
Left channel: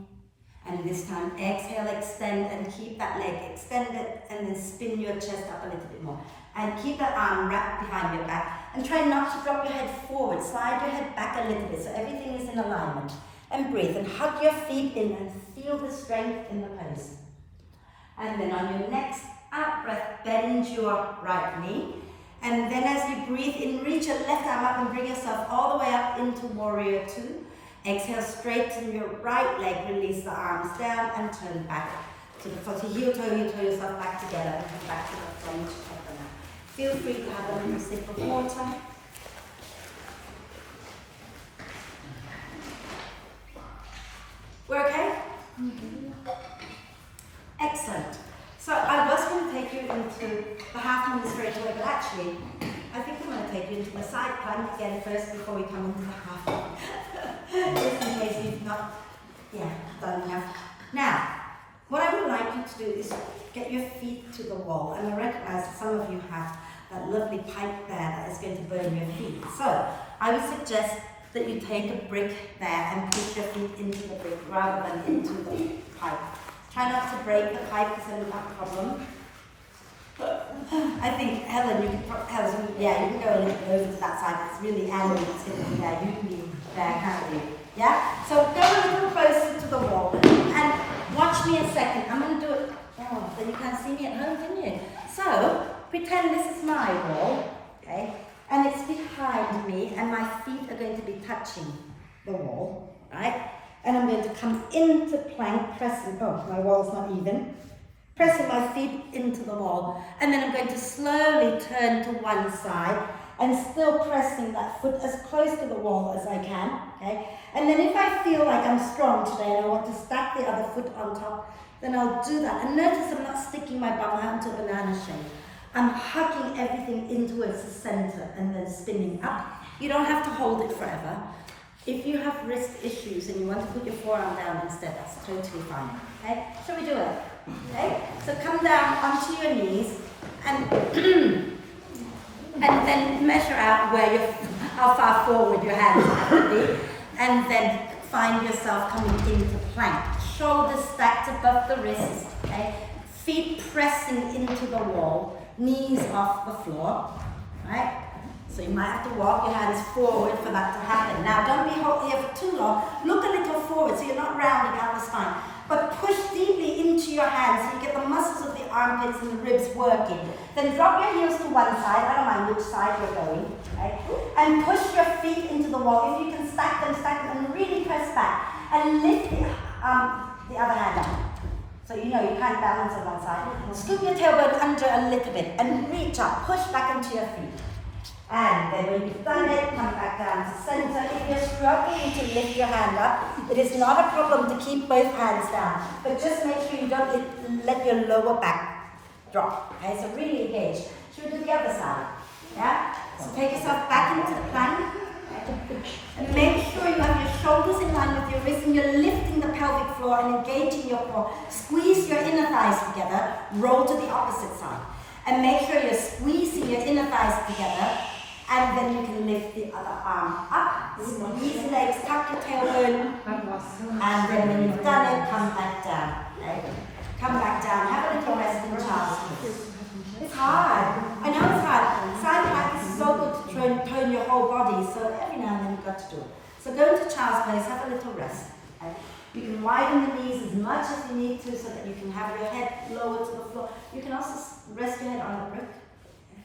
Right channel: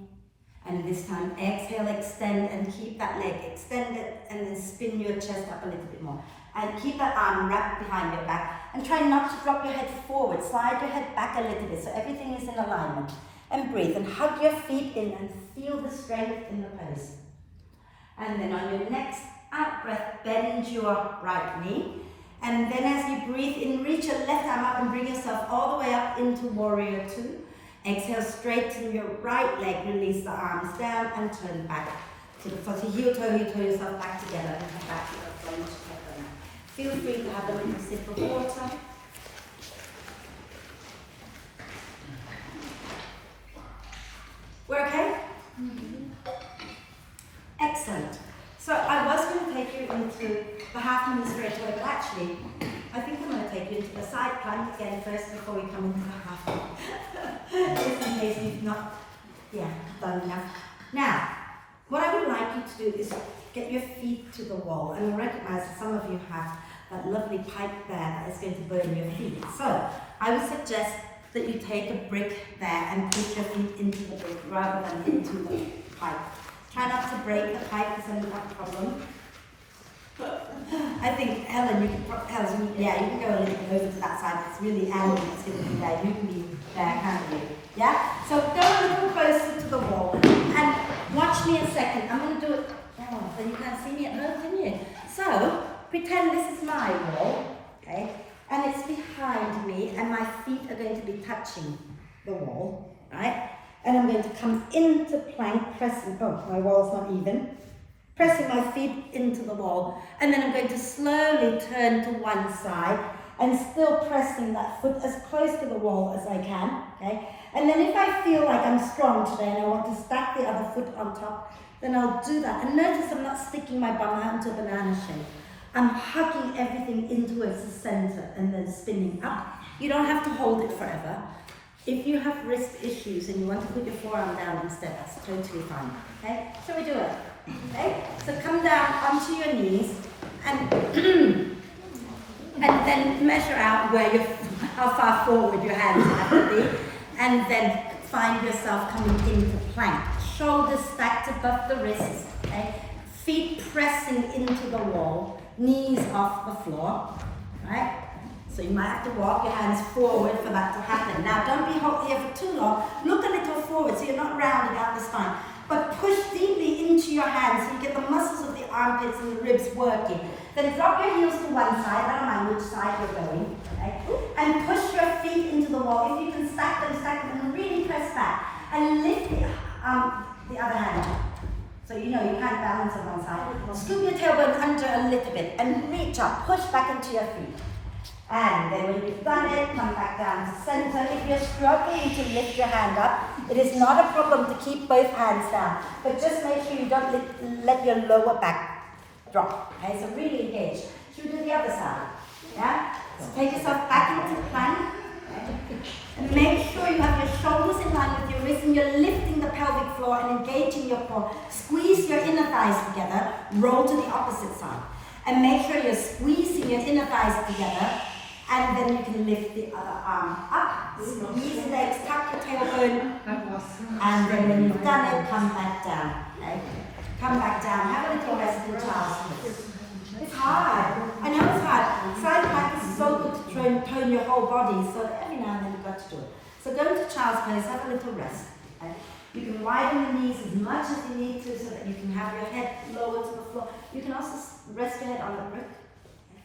And this time, exhale, extend and keep that leg extended, and then spin your chest up a little bit more. And keep that arm wrapped behind your back. And try not to drop your head forward. Slide your head back a little bit so everything is in alignment. And breathe and hug your feet in and feel the strength in the pose. And then on your next out breath, bend your right knee. And then as you breathe in, reach your left arm up and bring yourself all the way up into warrior two. Exhale, straighten your right leg, release the arms down and turn back to the front. Heel toe yourself back together and come back to the front of the mat. Feel free to have a little sip of water. We're okay? Excellent. So I was going to take you into the half moon straight away, but actually, I think I'm going to take you into the side plank again first before we come into the half moon. Just in case you've not, done enough. Now, what I would like you to do is get your feet to the wall, and I recognize that some of you have that lovely pipe there that is going to burn your feet. So I would suggest that you take a brick there and push your feet into the brick rather than into the pipe. Try not to break the pipe, because then you have a problem. I think, Helen, you can go a little bit over to that side. It's really angled sitting there. You can be there, can't you? Yeah? So go a little closer to the wall and watch me a second. I'm going to do it. Oh, so you can't see me at home, can you? So pretend this is my wall, okay? And it's behind me, and my feet are going to be touching the wall, right? And I'm going to come into plank, pressing, my wall's not even, pressing my feet into the wall, and then I'm going to slowly turn to one side and still pressing that foot as close to the wall as I can, okay? And then if I feel like I'm strong today and I want to stack the other foot on top, then I'll do that. And notice I'm not sticking my bum out into a banana shape. I'm hugging everything into its center and then spinning up. You don't have to hold it forever. If you have wrist issues and you want to put your forearm down instead, that's totally fine, okay? Shall we do it? Okay? So come down onto your knees and and then measure out how far forward your hands have to be, and then find yourself coming into plank. Shoulders stacked above the wrists, okay? Feet pressing into the wall, knees off the floor, right? So you might have to walk your hands forward for that to happen. Now don't be here for too long. Look a little forward so you're not rounding out the spine. But push deeply into your hands so you get the muscles of the armpits and the ribs working. Then drop your heels to one side, I don't mind which side you're going, okay? And push your feet into the wall. If you can stack them and really press back. And lift the other hand up. So you know you can't balance on one side. Scoop your tailbone under a little bit and reach up, push back into your feet. And then when you've done it, come back down to center. If you're struggling to lift your hand up, it is not a problem to keep both hands down. But just make sure you don't let your lower back drop. Okay, so really engage. Should we do the other side? Yeah? So take yourself back into the plank. And make sure you have your shoulders in line with your wrists and you're lifting the pelvic floor and engaging your core. Squeeze your inner thighs together, roll to the opposite side. And make sure you're squeezing your inner thighs together, and then you can lift the other arm up. Squeeze legs, tuck your tailbone, and then when you've done it, come back down. Okay? Come back down, have a little rest in child's pose. It's hard. I know it's hard. Side plank is so good to tone your whole body, so every now and then you've got to do it. So go into child's pose, have a little rest. Okay? You can widen the knees as much as you need to so that you can have your head lower to the floor. You can also rest your head on the brick. Okay?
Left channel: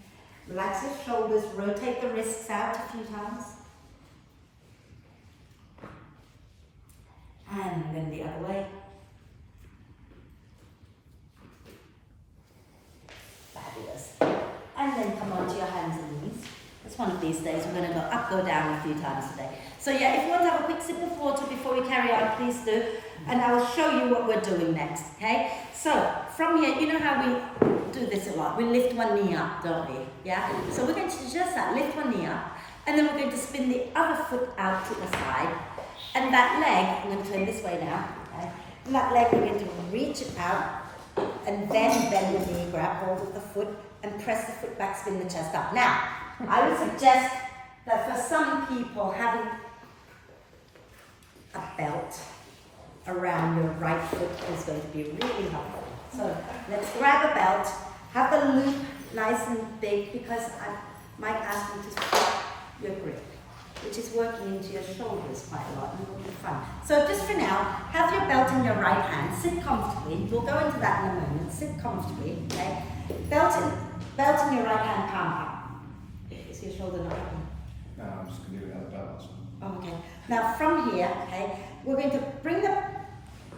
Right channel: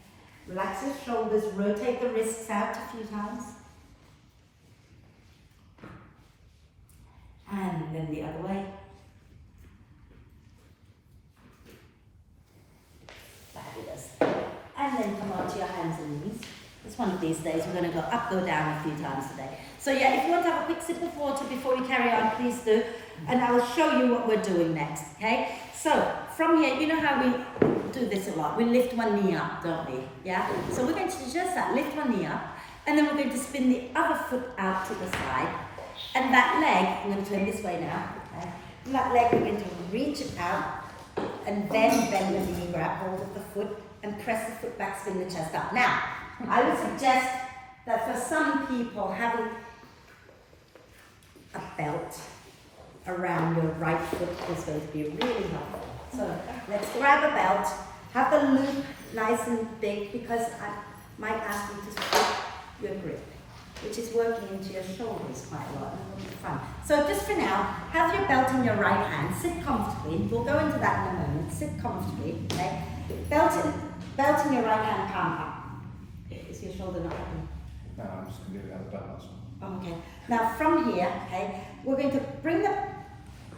Relax your shoulders, rotate the wrists out a few times. And then the other way. Fabulous. And then come onto your hands and knees. It's one of these days we're going to go up, go down a few times a day. So yeah, if you want to have a quick sip of water before we carry on, please do. And I will show you what we're doing next, okay? So from here, you know how we do this a lot. We lift one knee up, don't we? Yeah? So we're going to do just that, lift one knee up. And then we're going to spin the other foot out to the side. And that leg, I'm going to turn this way now. Okay? And that leg, we're going to reach it out. And then bend the knee, grab hold of the foot, and press the foot back, spin the chest up. Now, I would suggest that for some people, having a belt around your right foot is going to be really helpful. So let's grab a belt, have the loop nice and big, because I might ask you to flip your grip, which is working into your shoulders quite a lot, and it will be fun. So just for now, have your belt in your right hand, sit comfortably. We'll go into that in a moment. Sit comfortably, okay? Belt in your right hand, palm up. Is your shoulder not open? No, I'm just going to do it out of balance. Oh, okay. Now from here, okay, we're going to bring the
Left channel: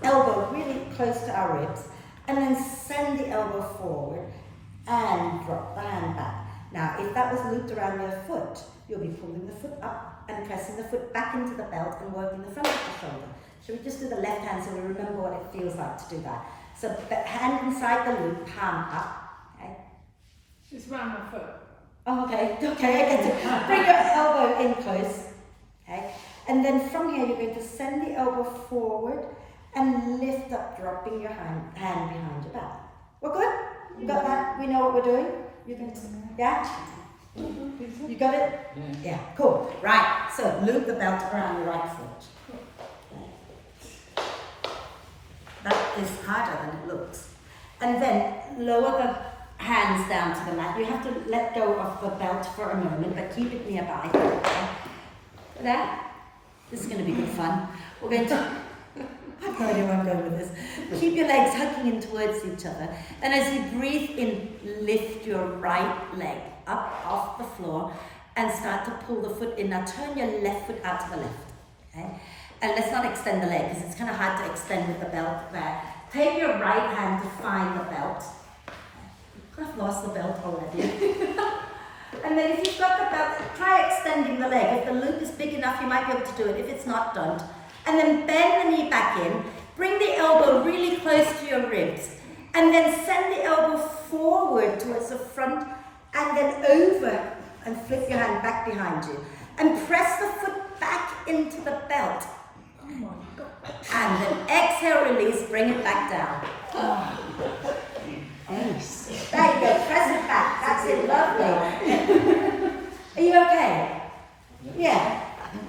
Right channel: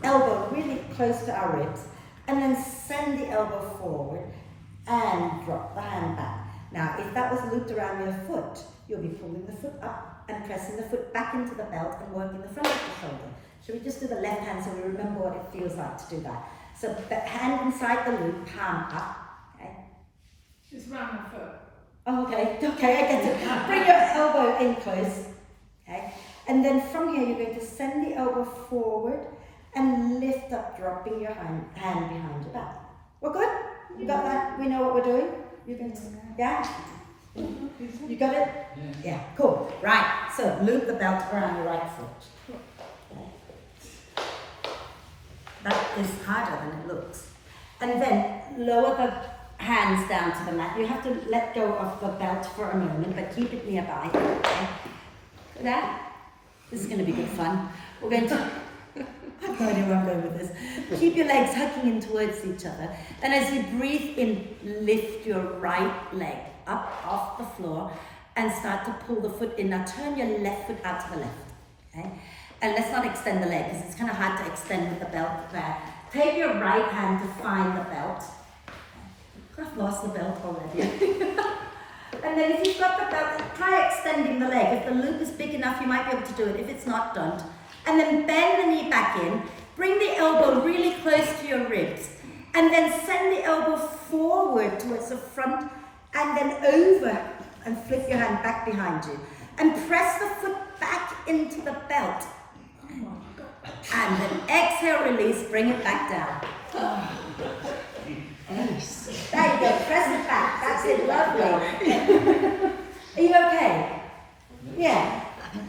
elbow really close to our ribs, and then send the elbow forward and drop the hand back. Now, if that was looped around your foot, you'll be pulling the foot up and pressing the foot back into the belt and working the front of the shoulder. Shall we just do the left hand so we remember what it feels like to do that? So hand inside the loop, palm up. Okay. Just round my foot. Oh, okay, I get it. Bring your elbow in close, okay? And then from here, you're going to send the elbow forward and lift up, dropping your hand behind your back. We're good? You got that? We know what we're doing? You can, yeah? You got it? Yeah, cool. Right, so loop the belt around your right foot. Okay. That is harder than it looks. And then lower the hands down to the mat. You have to let go of the belt for a moment, but keep it nearby. Okay? There. This is going to be good fun. We're going to, I have no idea where I'm going with this. Keep your legs hugging in towards each other. And as you breathe in, lift your right leg up off the floor and start to pull the foot in. Now turn your left foot out to the left. Okay? And let's not extend the leg because it's kind of hard to extend with the belt there. Take your right hand to find the belt. I've lost the belt already. And then if you've got the belt, try extending the leg. If the loop is big enough, you might be able to do it. If it's not, don't. And then bend the knee back in. Bring the elbow really close to your ribs. And then send the elbow forward towards the front and then over and flip your hand back behind you. And press the foot back into the belt. And then exhale, release, bring it back down. Nice. There you go, press it back. That's it, lovely. Are you okay? Yeah.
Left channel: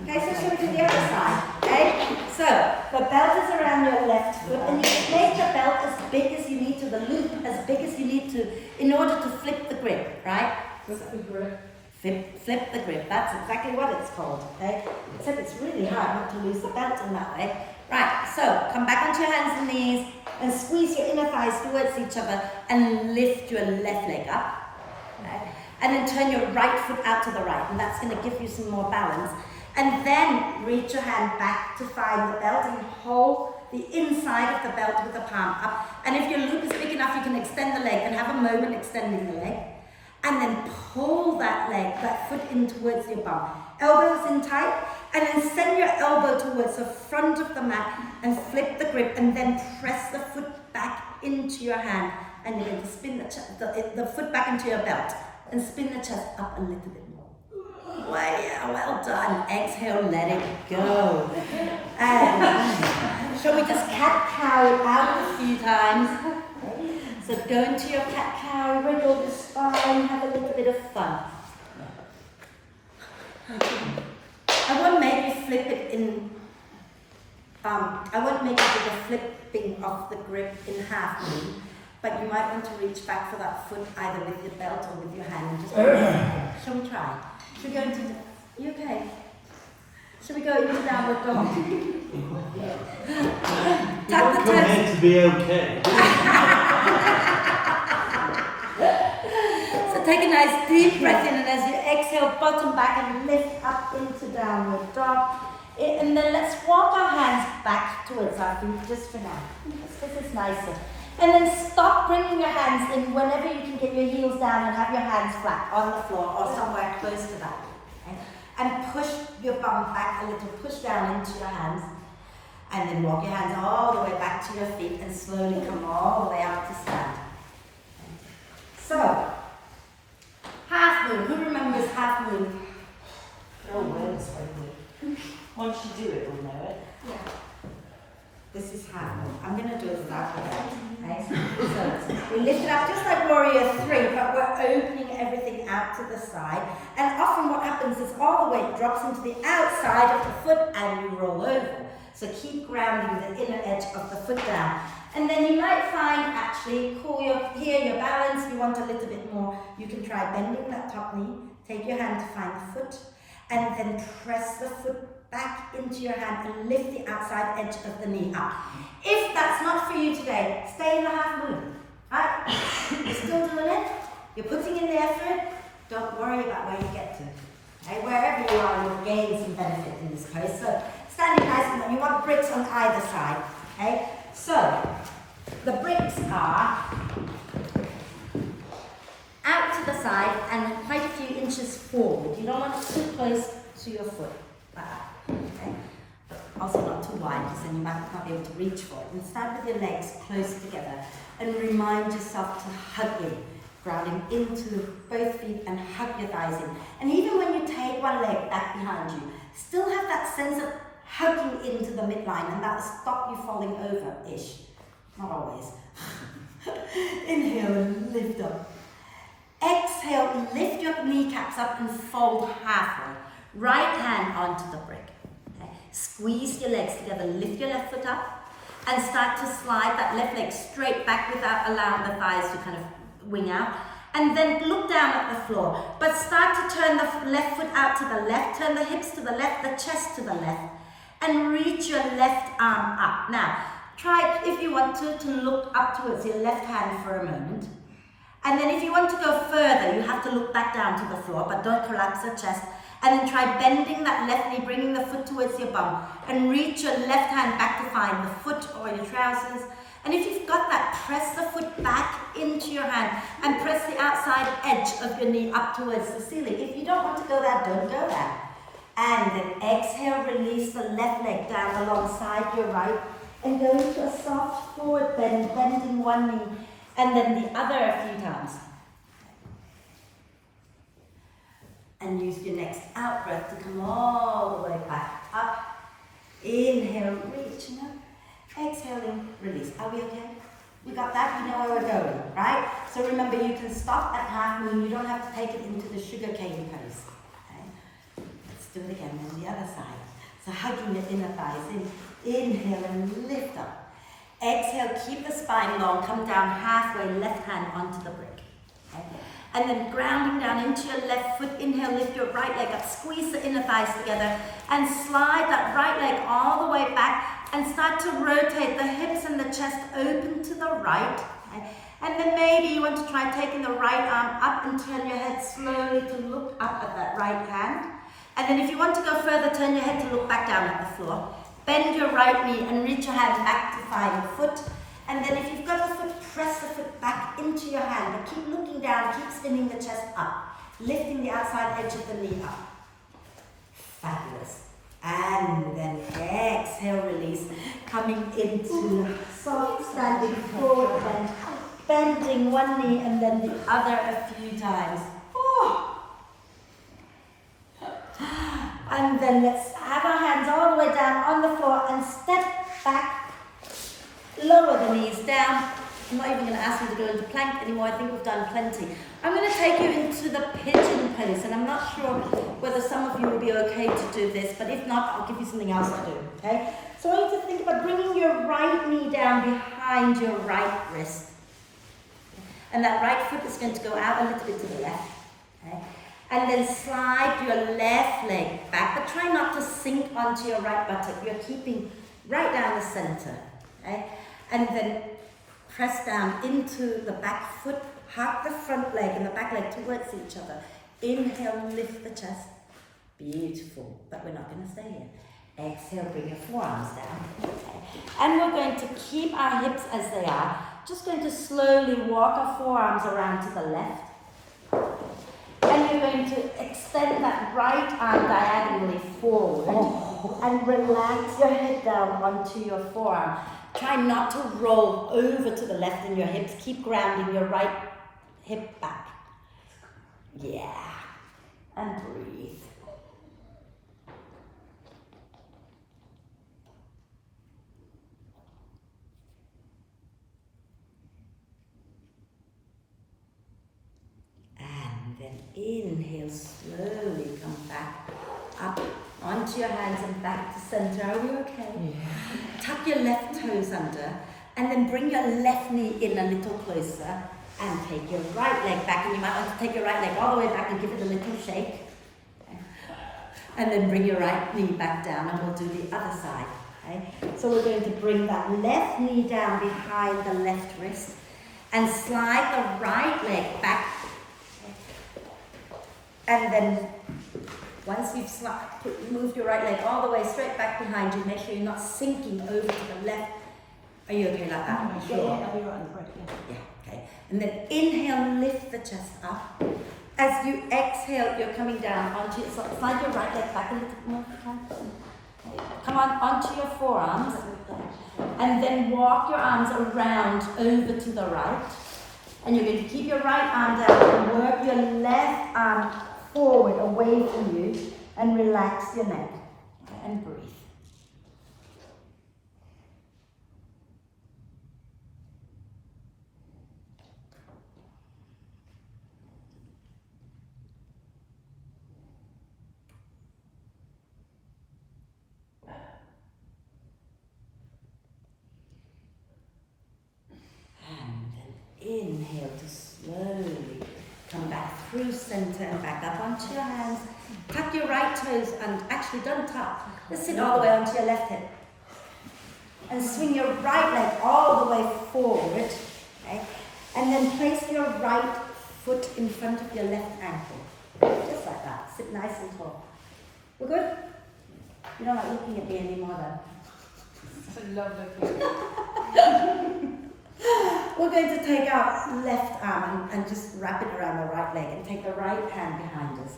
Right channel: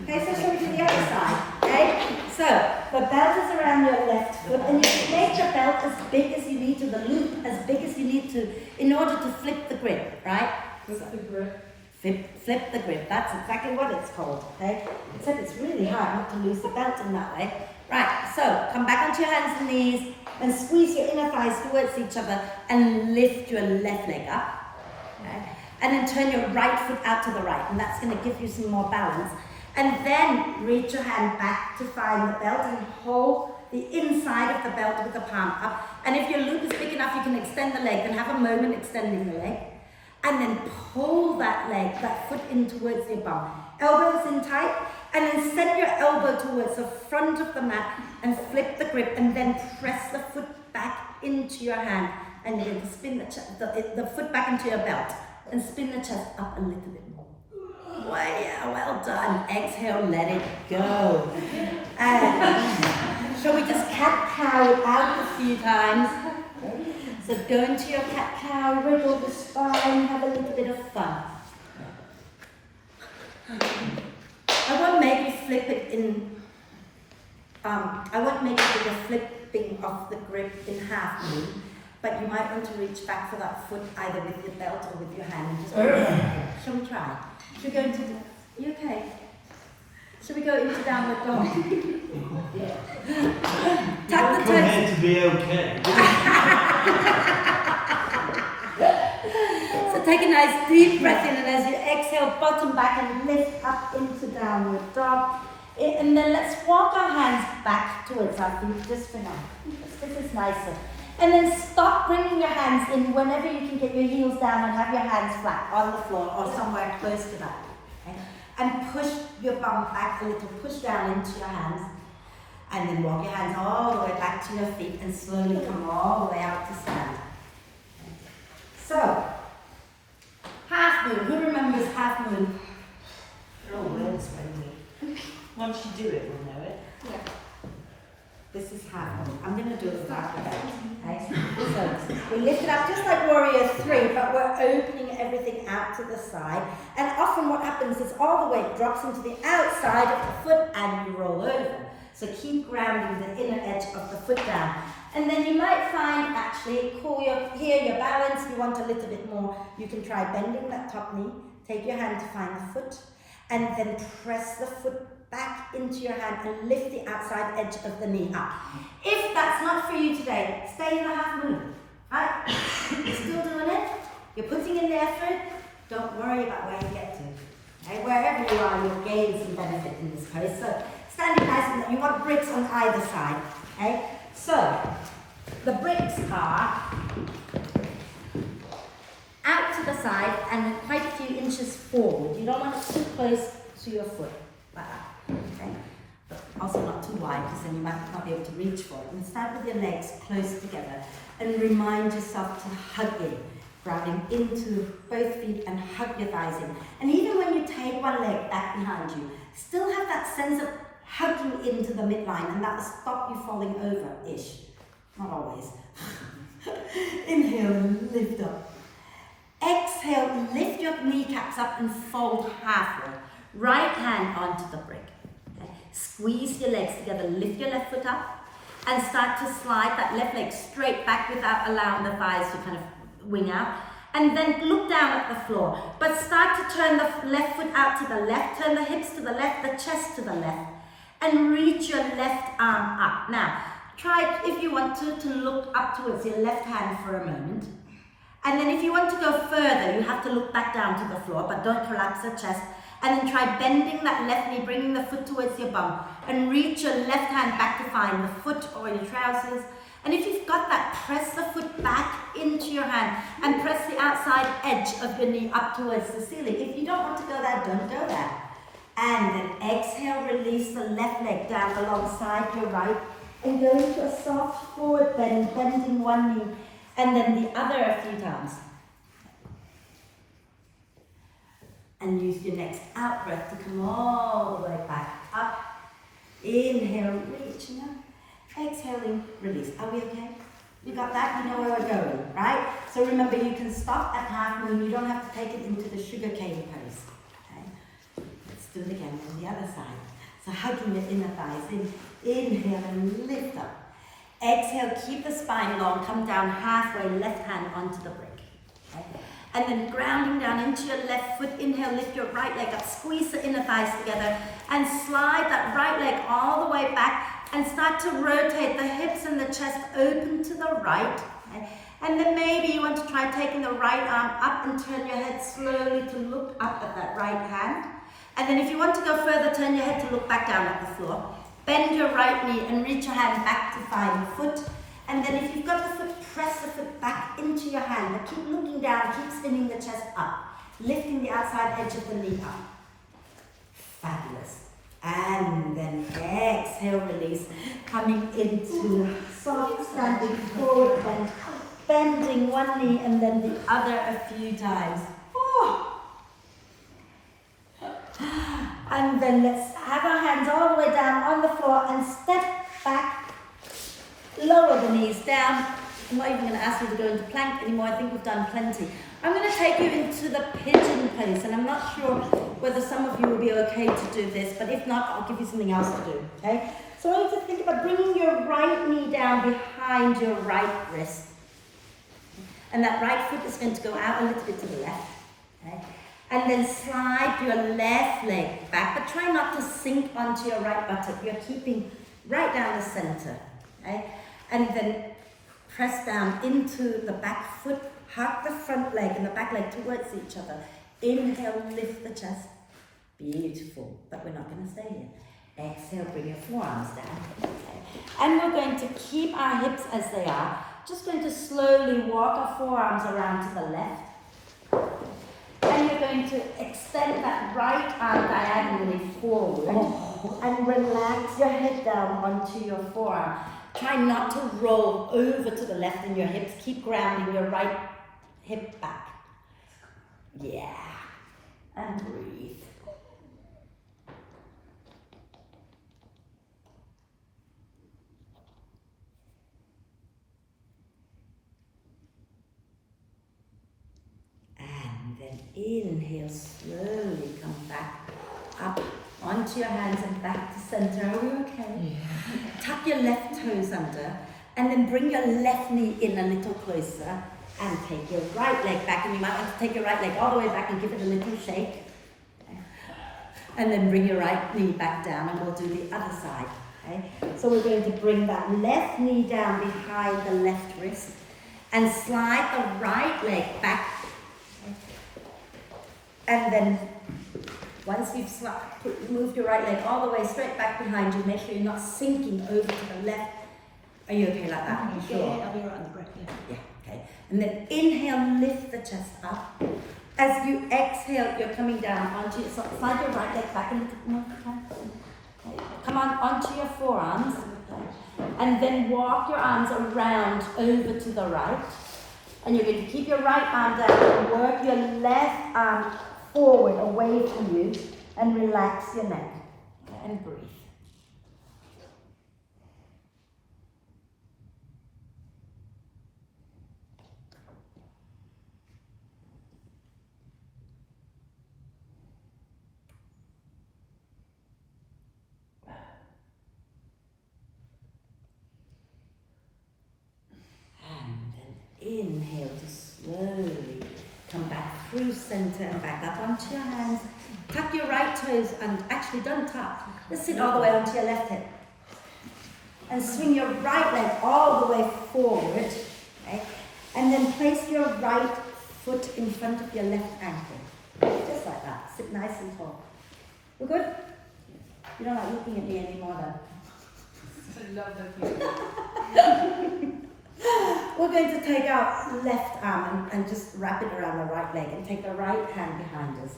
Okay, so shall we do the other side? Okay? So, the belt is around your left foot, and you make the belt as big as you need to, the loop as big as you need to, in order to flip the grip, right? Flip the grip. Flip the grip, that's exactly what it's called, okay? Except it's really hard not to lose the belt in that way. Right, so come back onto your hands and knees, and squeeze your inner thighs towards each other and lift your left leg up. Okay? And then turn your right foot out to the right, and that's going to give you some more balance. And then reach your hand back to find the belt and hold the inside of the belt with the palm up. And if your loop is big enough, you can extend the leg and have a moment extending the leg. And then pull that leg, that foot in towards your bum. Elbows in tight, and then send your elbow towards the front of the mat and flip the grip, and then press the foot back into your hand. And you're going to spin the foot back into your belt and spin the chest up a little bit more. Well, yeah, well done. Exhale, let it go. And shall we just cat-cow it out a few times? So go into your cat-cow, wriggle the spine, have a little bit of fun. I won't make you flip it in, I won't make you do the flipping of the grip in half knee, but you might want to reach back for that foot either with your belt or with your hand and just, shall we try? Should we go into, you okay? Should we go into downward dog? Tuck the toes. Meant to be okay. So take a nice deep breath in, and as you exhale, bottom back and lift up into downward dog. And then let's walk our hands back towards our feet just for now. This is nicer. And then stop bringing your hands in whenever you can get your heels down and have your hands flat on the floor or somewhere close to that. Okay? And push your bum back a little, push down into your hands. And then walk your hands all the way back to your feet and slowly come all the way up to stand. Okay. So, half moon. Who remembers half moon? Oh, words when you. Once you do it, we'll know it. Yeah. This is half moon. I'm going to do it without the belt. Okay? So, we lift it up just like warrior 3, but we're opening everything out to the side. And often what happens is all the weight drops into the outside of the foot and you roll over. So keep grounding the inner edge of the foot down. And then you might find actually, here your balance, if you want a little bit more, you can try bending that top knee, take your hand to find the foot, and then press the foot back into your hand and lift the outside edge of the knee up. If that's not for you today, stay in the half moon, right? You're still doing it, you're putting in the effort, don't worry about where you get to. Okay? Wherever you are, you'll gain some benefit in this pose. So, standing nice, and you want bricks on either side. Okay? So, the bricks are out to the side and quite a few inches forward. You don't want it too close to your foot, like that. Okay? But also not too wide, because then you might not be able to reach for it. And start with your legs close together and remind yourself to hug in, grounding into both feet and hug your thighs in. And even when you take one leg back behind you, still have that sense of hugging into the midline, and that will stop you falling over-ish. Not always. Inhale and lift up. Exhale, lift your kneecaps up and fold halfway. Right hand onto the brick. Okay. Squeeze your legs together, lift your left foot up, and start to slide that left leg straight back without allowing the thighs to kind of wing out. And then look down at the floor, but start to turn the left foot out to the left, turn the hips to the left, the chest to the left, and reach your left arm up. Now, try, if you want to look up towards your left hand for a moment. And then if you want to go further, you have to look back down to the floor, but don't collapse the chest. And then try bending that left knee, bringing the foot towards your bum, and reach your left hand back to find the foot or your trousers. And if you've got that, press the foot back into your hand and press the outside edge of your knee up towards the ceiling. If you don't want to go there, don't go there. And then exhale, release the left leg down alongside your right and go into a soft forward bend, bending one knee and then the other a few times. And use your next out breath to come all the way back up. Inhale, reaching up. Exhaling, release. Are we okay? We got that? We know where we're going, right? So remember, you can stop at half moon. You don't have to take it into the sugar cane pose. Okay? Let's do it again. Then the other side. So hugging your inner thighs in. Inhale and lift up. Exhale, keep the spine long. Come down halfway, left hand onto the brick. Okay? And then grounding down into your left foot. Inhale, lift your right leg up. Squeeze the inner thighs together and slide that right leg all the way back. And start to rotate the hips and the chest open to the right. Okay? And then maybe you want to try taking the right arm up and turn your head slowly to look up at that right hand. And then if you want to go further, turn your head to look back down at the floor. Bend your right knee and reach your hand back to find the foot. And then if you've got the foot, press the foot back into your hand. But keep looking down, keep spinning the chest up. Lifting the outside edge of the knee up. Fabulous. And then exhale, release, coming into soft standing forward bend, bending one knee and then the other a few times. Oh. And then let's have our hands all the way down on the floor and step back, lower the knees down. I'm not even going to ask you to go into plank anymore. I think we've done plenty. I'm going to take you into the pigeon pose, and I'm not sure whether some of you will be okay to do this, but if not, I'll give you something else to do, okay? So I want you to think about bringing your right knee down behind your right wrist. And that right foot is going to go out a little bit to the left, okay? And then slide your left leg back, but try not to sink onto your right buttock. You're keeping right down the center, okay? And then press down into the back foot, hug the front leg and the back leg towards each other. Inhale, lift the chest. Beautiful, but we're not going to stay here. Exhale, bring your forearms down. Okay. And we're going to keep our hips as they are. Just going to slowly walk our forearms around to the left. And you're going to extend that right arm diagonally forward and relax your head down onto your forearm. Try not to roll over to the left in your hips. Keep grounding your right hip back. Yeah. And breathe. And then inhale, slowly come back up onto your hands and back to center. Are we okay? Yeah. Tuck your left toes under and then bring your left knee in a little closer and take your right leg back. And you might want to take your right leg all the way back and give it a little shake. And then bring your right knee back down and we'll do the other side. Okay? So we're going to bring that left knee down behind the left wrist and slide the right leg back. Okay? And then once you've moved your right leg all the way straight back behind you, make sure you're not sinking over to the left. Are you okay like that? You sure? Yeah, I'll be right on the breath, yeah. Yeah, okay. And then inhale, lift the chest up. As you exhale, you're coming down onto your, slide your right leg back a little more. Okay. Come on, onto your forearms. Okay. And then walk your arms around over to the right. And you're going to keep your right arm down and work your left arm forward away from you and relax your neck. And breathe. Inhale to slowly come back through center and back up onto your hands. Tuck your right toes and actually don't tuck. Just sit all the way onto your left hip. And swing your right leg all the way forward. Okay? And then place your right foot in front of your left ankle. Just like that. Sit nice and tall. We're good? You don't like looking at me anymore then? We're going to take our left arm and just wrap it around the right leg and take the right hand behind us.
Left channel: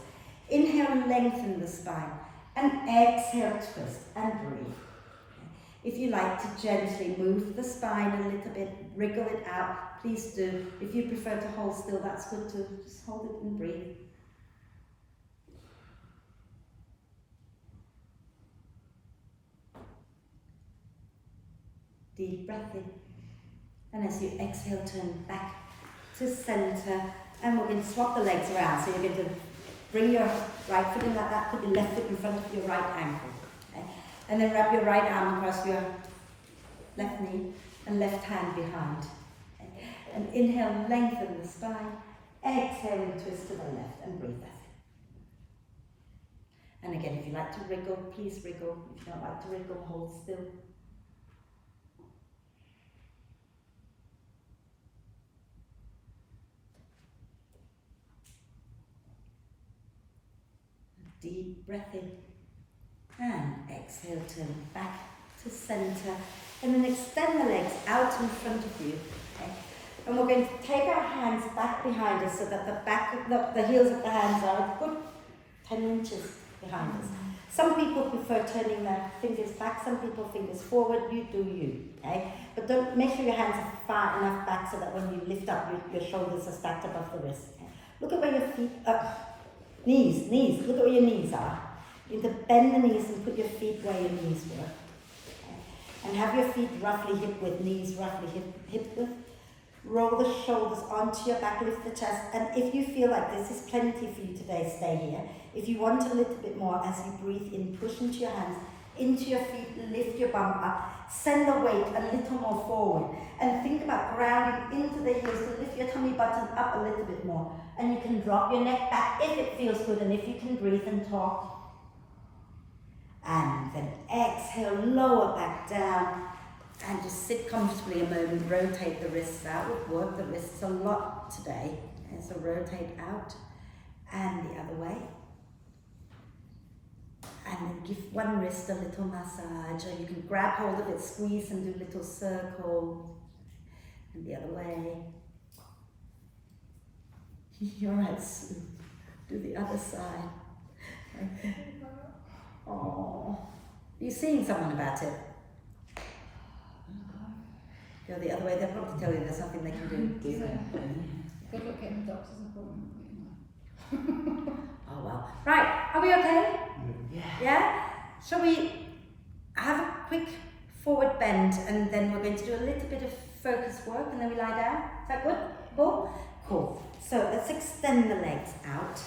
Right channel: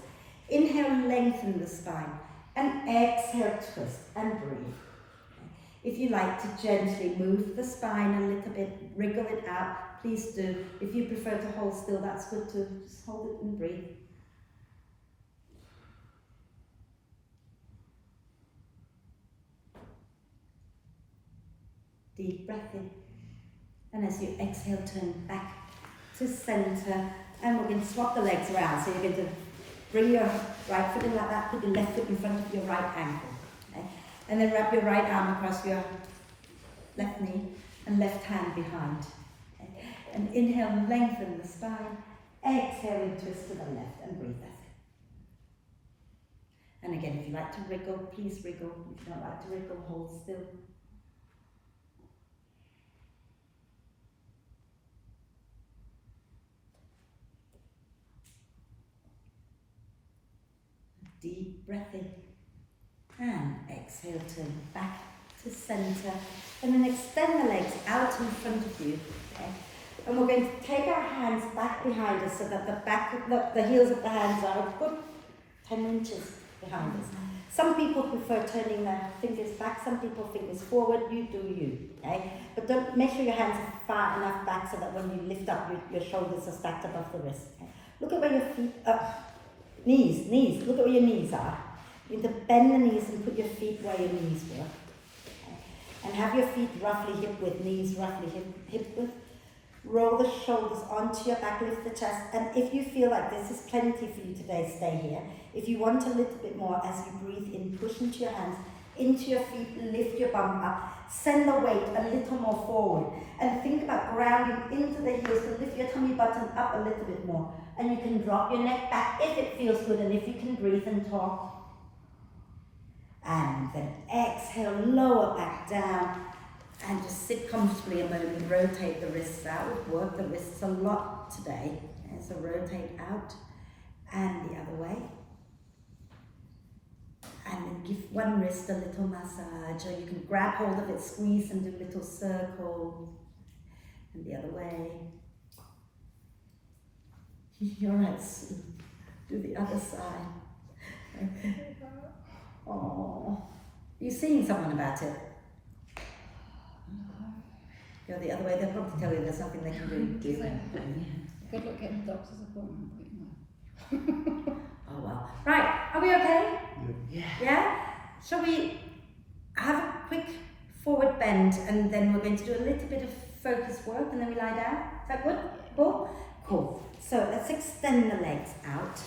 Inhale, lengthen the spine and exhale, twist and breathe. If you like to gently move the spine a little bit, wriggle it out, please do. If you prefer to hold still, that's good too. Just hold it and breathe. Deep breath in. And as you exhale, turn back to center. And we're going to swap the legs around. So you're going to bring your right foot in like that, put your left foot in front of your right ankle. Okay? And then wrap your right arm across your left knee and left hand behind. Okay? And inhale, lengthen the spine. Exhale and twist to the left and breathe. That's it. And again, if you like to wriggle, please wriggle. If you don't like to wriggle, hold still. Deep breath in and exhale, turn back to center and then extend the legs out in front of you. Okay? And we're going to take our hands back behind us so that the back of the heels of the hands are a good 10 inches behind us. Some people prefer turning their fingers back, some people fingers forward, you do you. Okay? But don't make sure your hands are far enough back so that when you lift up, your shoulders are stacked above the wrist. Okay? Look at where your feet are. Knees, look at where your knees are. You need to bend the knees and put your feet where your knees were. Okay. And have your feet roughly hip width, knees roughly hip width. Roll the shoulders onto your back, lift the chest. And if you feel like this is plenty for you today, stay here. If you want a little bit more, as you breathe in, push into your hands, into your feet, lift your bum up. Send the weight a little more forward. And think about grounding into the heels to lift your tummy button up a little bit more. And you can drop your neck back if it feels good and if you can breathe and talk. And then exhale, lower back down. And just sit comfortably a moment. Rotate the wrists out. We've worked the wrists a lot today. And so rotate out and the other way. And then give one wrist a little massage, or you can grab hold of it, squeeze and do little circles. And the other way. You're right, Sue. Do the other side. Oh, are you seeing someone about it? Go the other way. They'll probably tell you there's nothing they can do. Good luck getting a doctor's appointment. Oh well. Right, are we okay? Yeah. Yeah? Shall we have a quick forward bend and then we're going to do a little bit of focus work and then we lie down? Is that good? Cool? Cool. So let's extend the legs out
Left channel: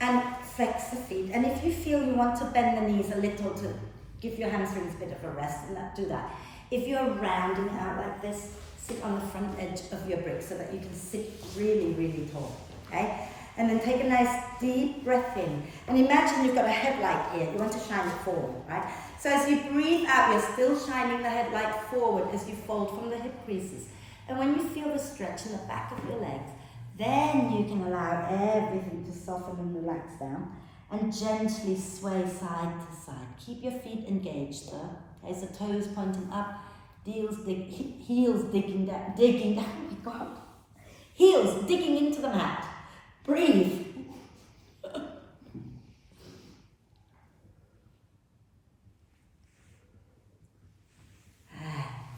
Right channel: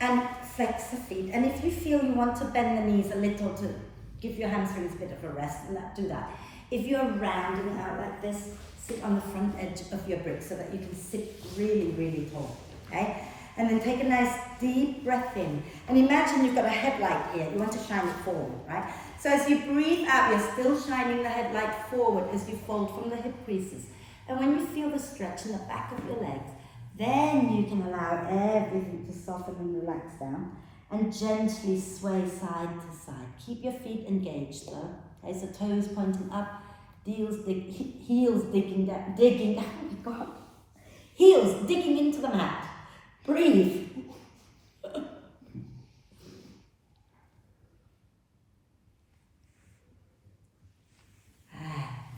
and flex the feet. And if you feel you want to bend the knees a little to give your hamstrings a bit of a rest, and do that. If you're rounding out like this, sit on the front edge of your brick so that you can sit really, really tall. Okay? And then take a nice deep breath in. And imagine you've got a headlight here. You want to shine it forward, right? So as you breathe out, you're still shining the headlight forward as you fold from the hip creases. And when you feel the stretch in the back of your legs, then you can allow everything to soften and relax down and gently sway side to side. Keep your feet engaged though. Okay, so toes pointing up, heels digging down, oh my God. Heels digging into the mat. Breathe.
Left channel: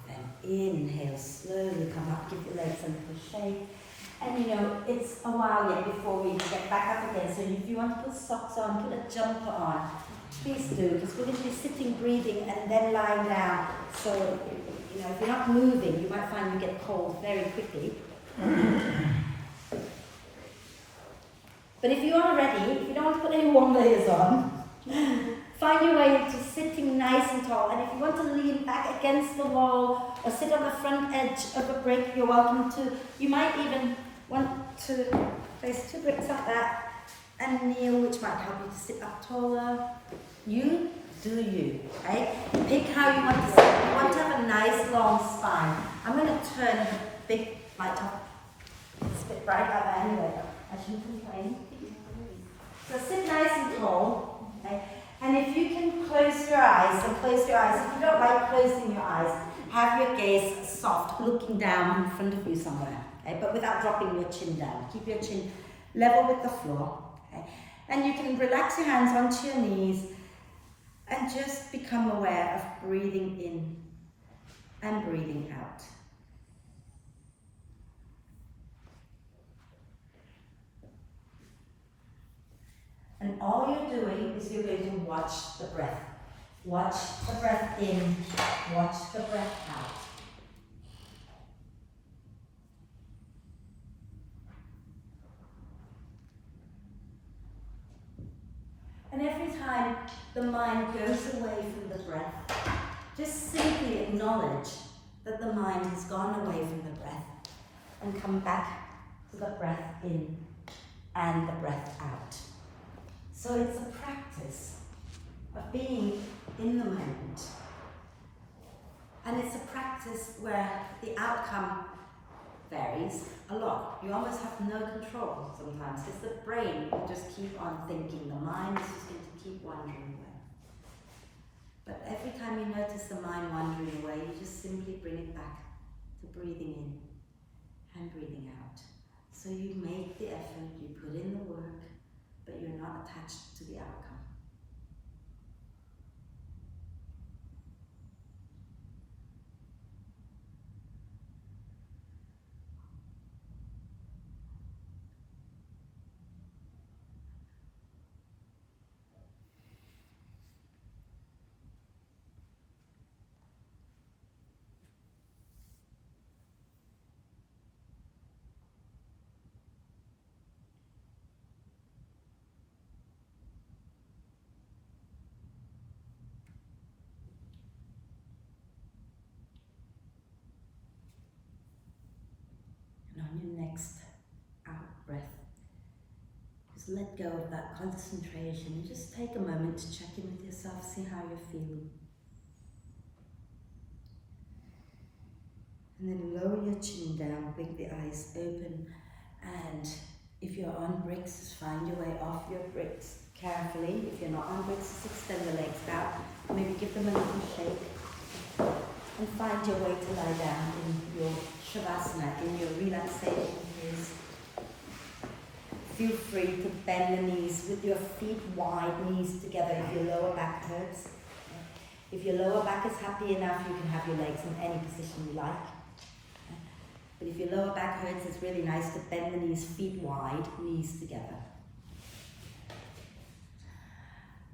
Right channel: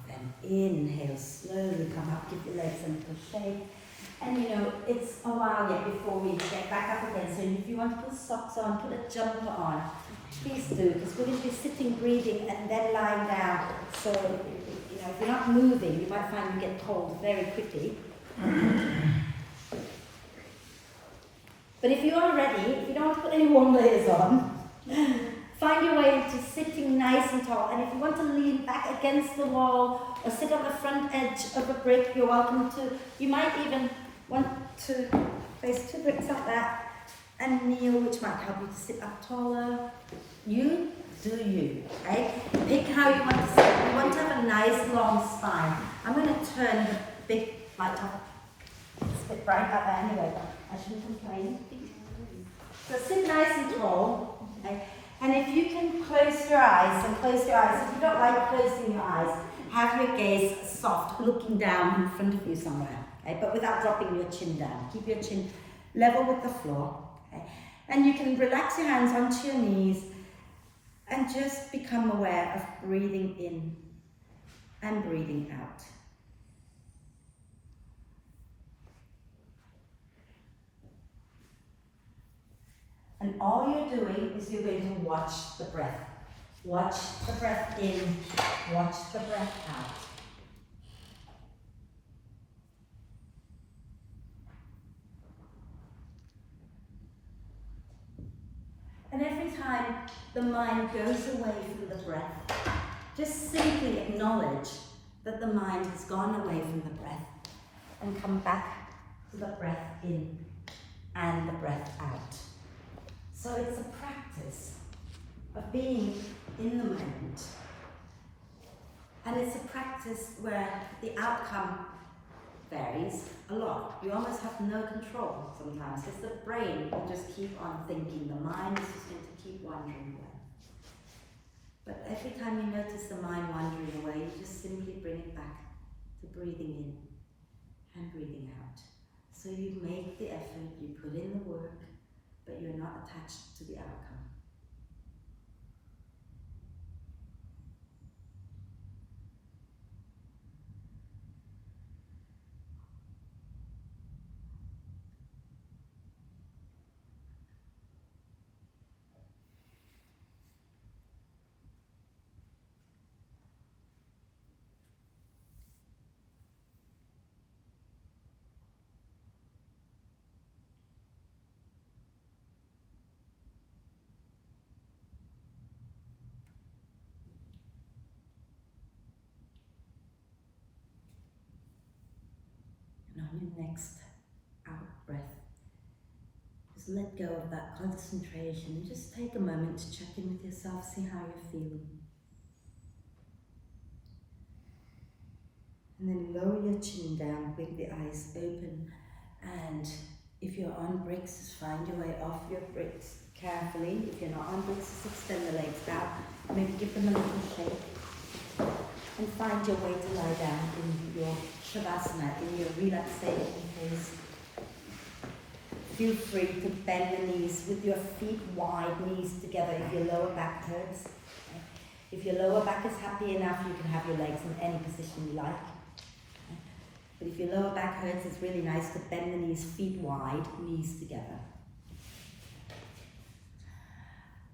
Then inhale, slowly come up, give your legs a little shake. And you know, it's a while yet before we get back up again. So if you want to put socks on, put a jumper on, please do, because we're going to be sitting, breathing, and then lying down. So, you know, if you're not moving, you might find you get cold very quickly. But if you are ready, if you don't want to put any warm layers on, find your way into sitting nice and tall. And if you want to lean back against the wall or sit on the front edge of a brick, you're welcome to. You might even want to place two bricks like that and kneel, which might help you to sit up taller. You do you, okay? Pick how you want to sit. You want to have a nice long spine. I'm going to turn the big light off. It's a bit bright out there anyway, but I shouldn't complain. So sit nice and tall, okay? And if you can close your eyes, if you don't like closing your eyes, have your gaze soft, looking down in front of you somewhere, okay? But without dropping your chin down. Keep your chin level with the floor, okay? And you can relax your hands onto your knees and just become aware of breathing in and breathing out. And all you're doing is you're going to watch the breath. Watch the breath in, watch the breath out. And every time the mind goes away from the breath, just simply acknowledge that the mind has gone away from the breath and come back to the breath in and the breath out. So it's a practice of being in the moment. And it's a practice where the outcome varies a lot. You almost have no control sometimes because the brain will just keep on thinking. The mind is just going to keep wandering away. But every time you notice the mind wandering away, you just simply bring it back to breathing in and breathing out. So you make the effort, you put in the work, but you're not attached to the outcome. And on your next out breath, just let go of that concentration and just take a moment to check in with yourself, see how you're feeling. And then lower your chin down, blink the eyes open, and if you're on bricks, just find your way off your bricks. carefully. If you're not on bricks, just extend the legs out. Maybe give them a little shake. And find your way to lie down in your Shavasana, in your relaxation pose. Feel free to bend the knees with your feet wide, knees together if your lower back hurts. Okay. If your lower back is happy enough, you can have your legs in any position you like. Okay. But if your lower back hurts, it's really nice to bend the knees, feet wide, knees together.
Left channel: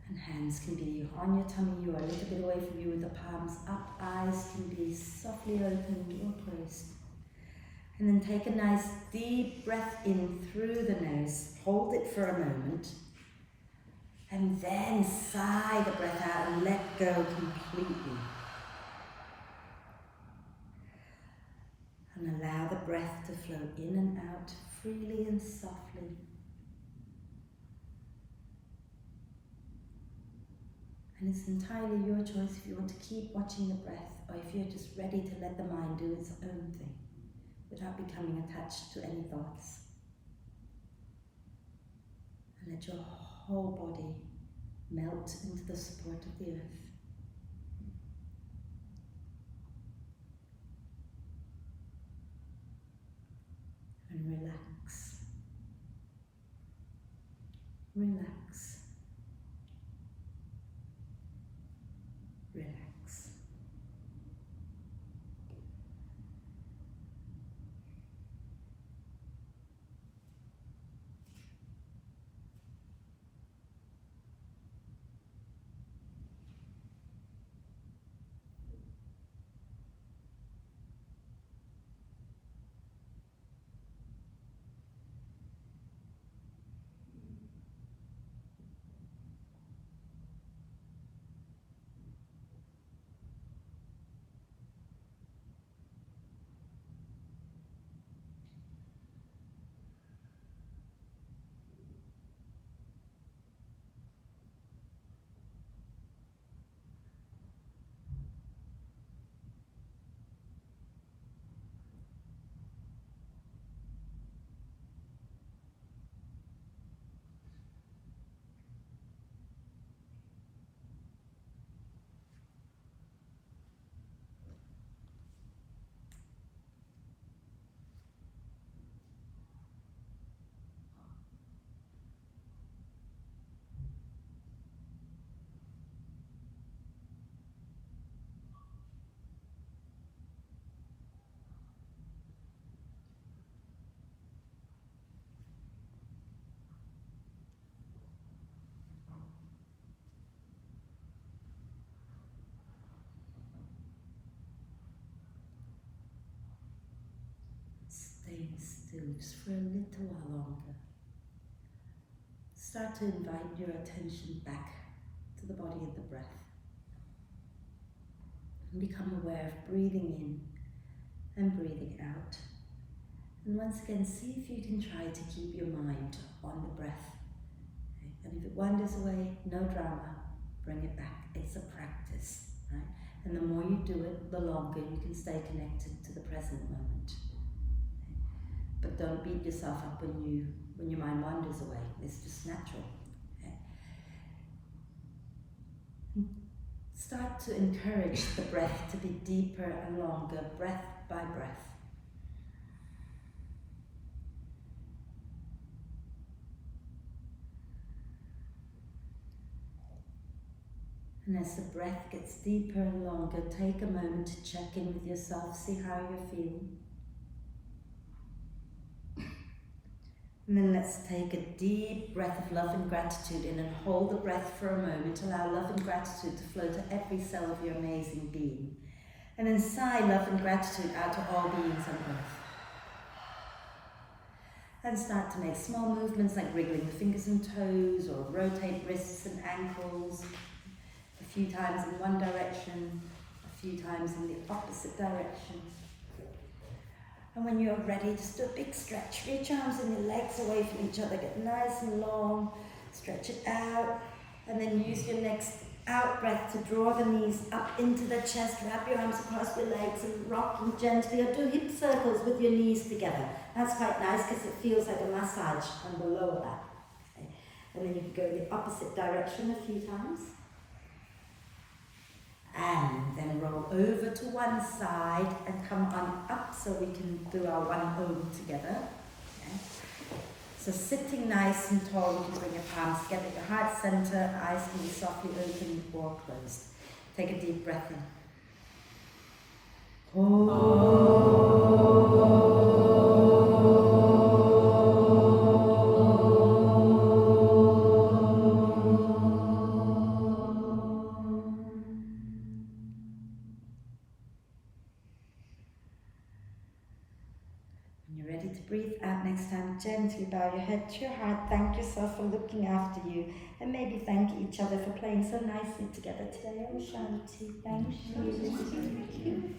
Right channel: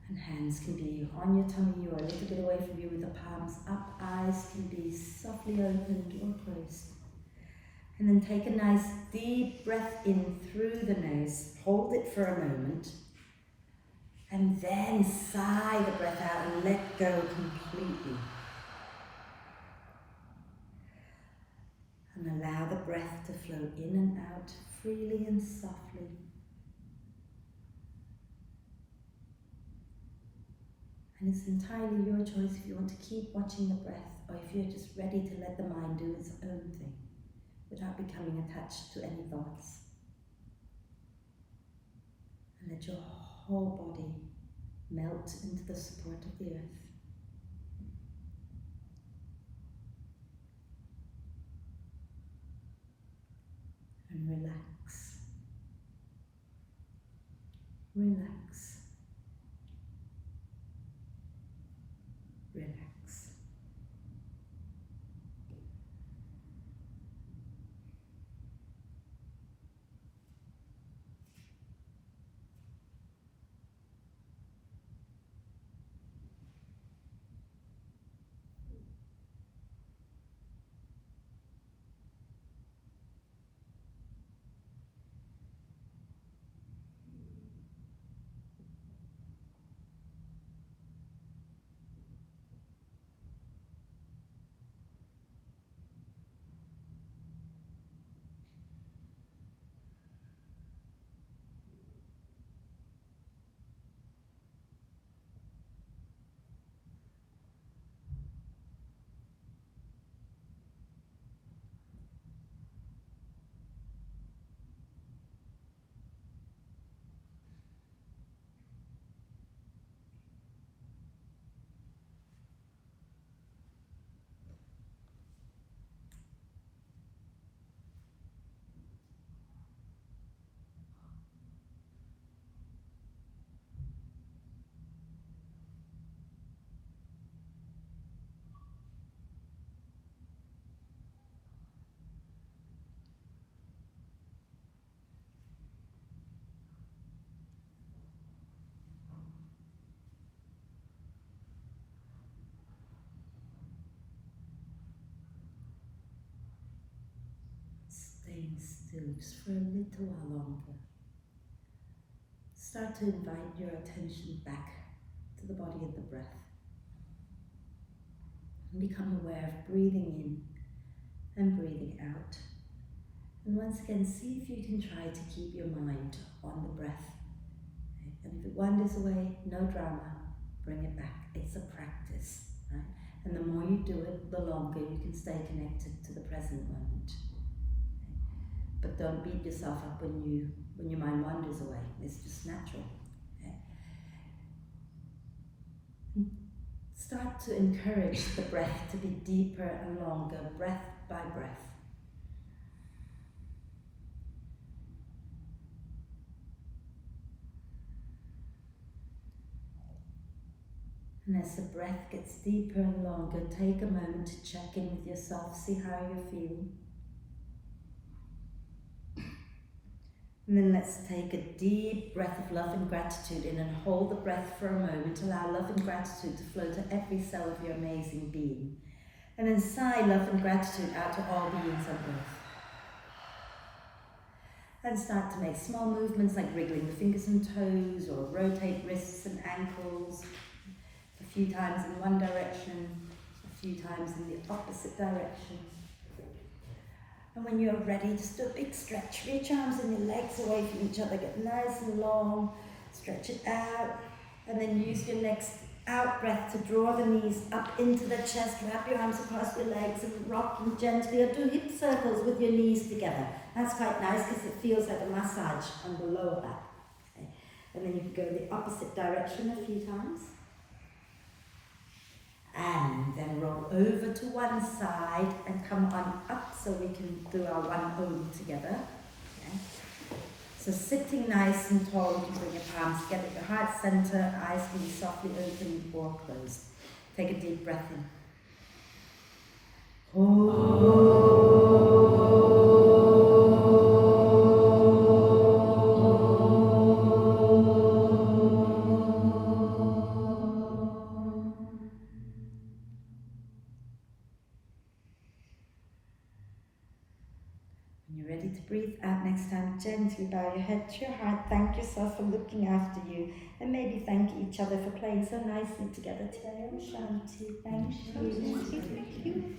And hands can be on your tummy or a little bit away from you with the palms up. Eyes can be softly opened or closed. And then take a nice deep breath in through the nose. Hold it for a moment. And then sigh the breath out and let go completely. And allow the breath to flow in and out freely and softly. And it's entirely your choice if you want to keep watching the breath or if you're just ready to let the mind do its own thing without becoming attached to any thoughts. And let your whole body melt into the support of the earth. And relax. Relax. Relax. Staying still just for a little while longer. Start to invite your attention back to the body and the breath. And become aware of breathing in and breathing out. And once again, see if you can try to keep your mind on the breath. Okay? And if it wanders away, no drama, bring it back. It's a practice, right? And the more you do it, the longer you can stay connected to the present moment. But don't beat yourself up when your mind wanders away. It's just natural. Okay? Start to encourage the breath to be deeper and longer, breath by breath. And as the breath gets deeper and longer, take a moment to check in with yourself, see how you're feeling. And then let's take a deep breath of love and gratitude in and hold the breath for a moment. Allow love and gratitude to flow to every cell of your amazing being. And then sigh love and gratitude out to all beings on earth. And start to make small movements like wriggling the fingers and toes or rotate wrists and ankles. A few times in one direction, a few times in the opposite direction. And when you're ready, just do a big stretch. Reach arms and your legs away from each other. Get nice and long. Stretch it out. And then use your next out breath to draw the knees up into the chest. Wrap your arms across your legs and rock them gently. Or do hip circles with your knees together. That's quite nice because it feels like a massage on the lower back. Okay. And then you can go in the opposite direction a few times. And then roll over to one side and come on up so we can do our one om together. Okay. So sitting nice and tall, you can bring your palms together at your heart center, eyes can be softly open or closed. Take a deep breath in. When you're ready to breathe out next time, gently bow your head to your heart. Thank yourself for looking after you. And maybe thank each other for playing so nicely together today. Om Shanti. Thank you.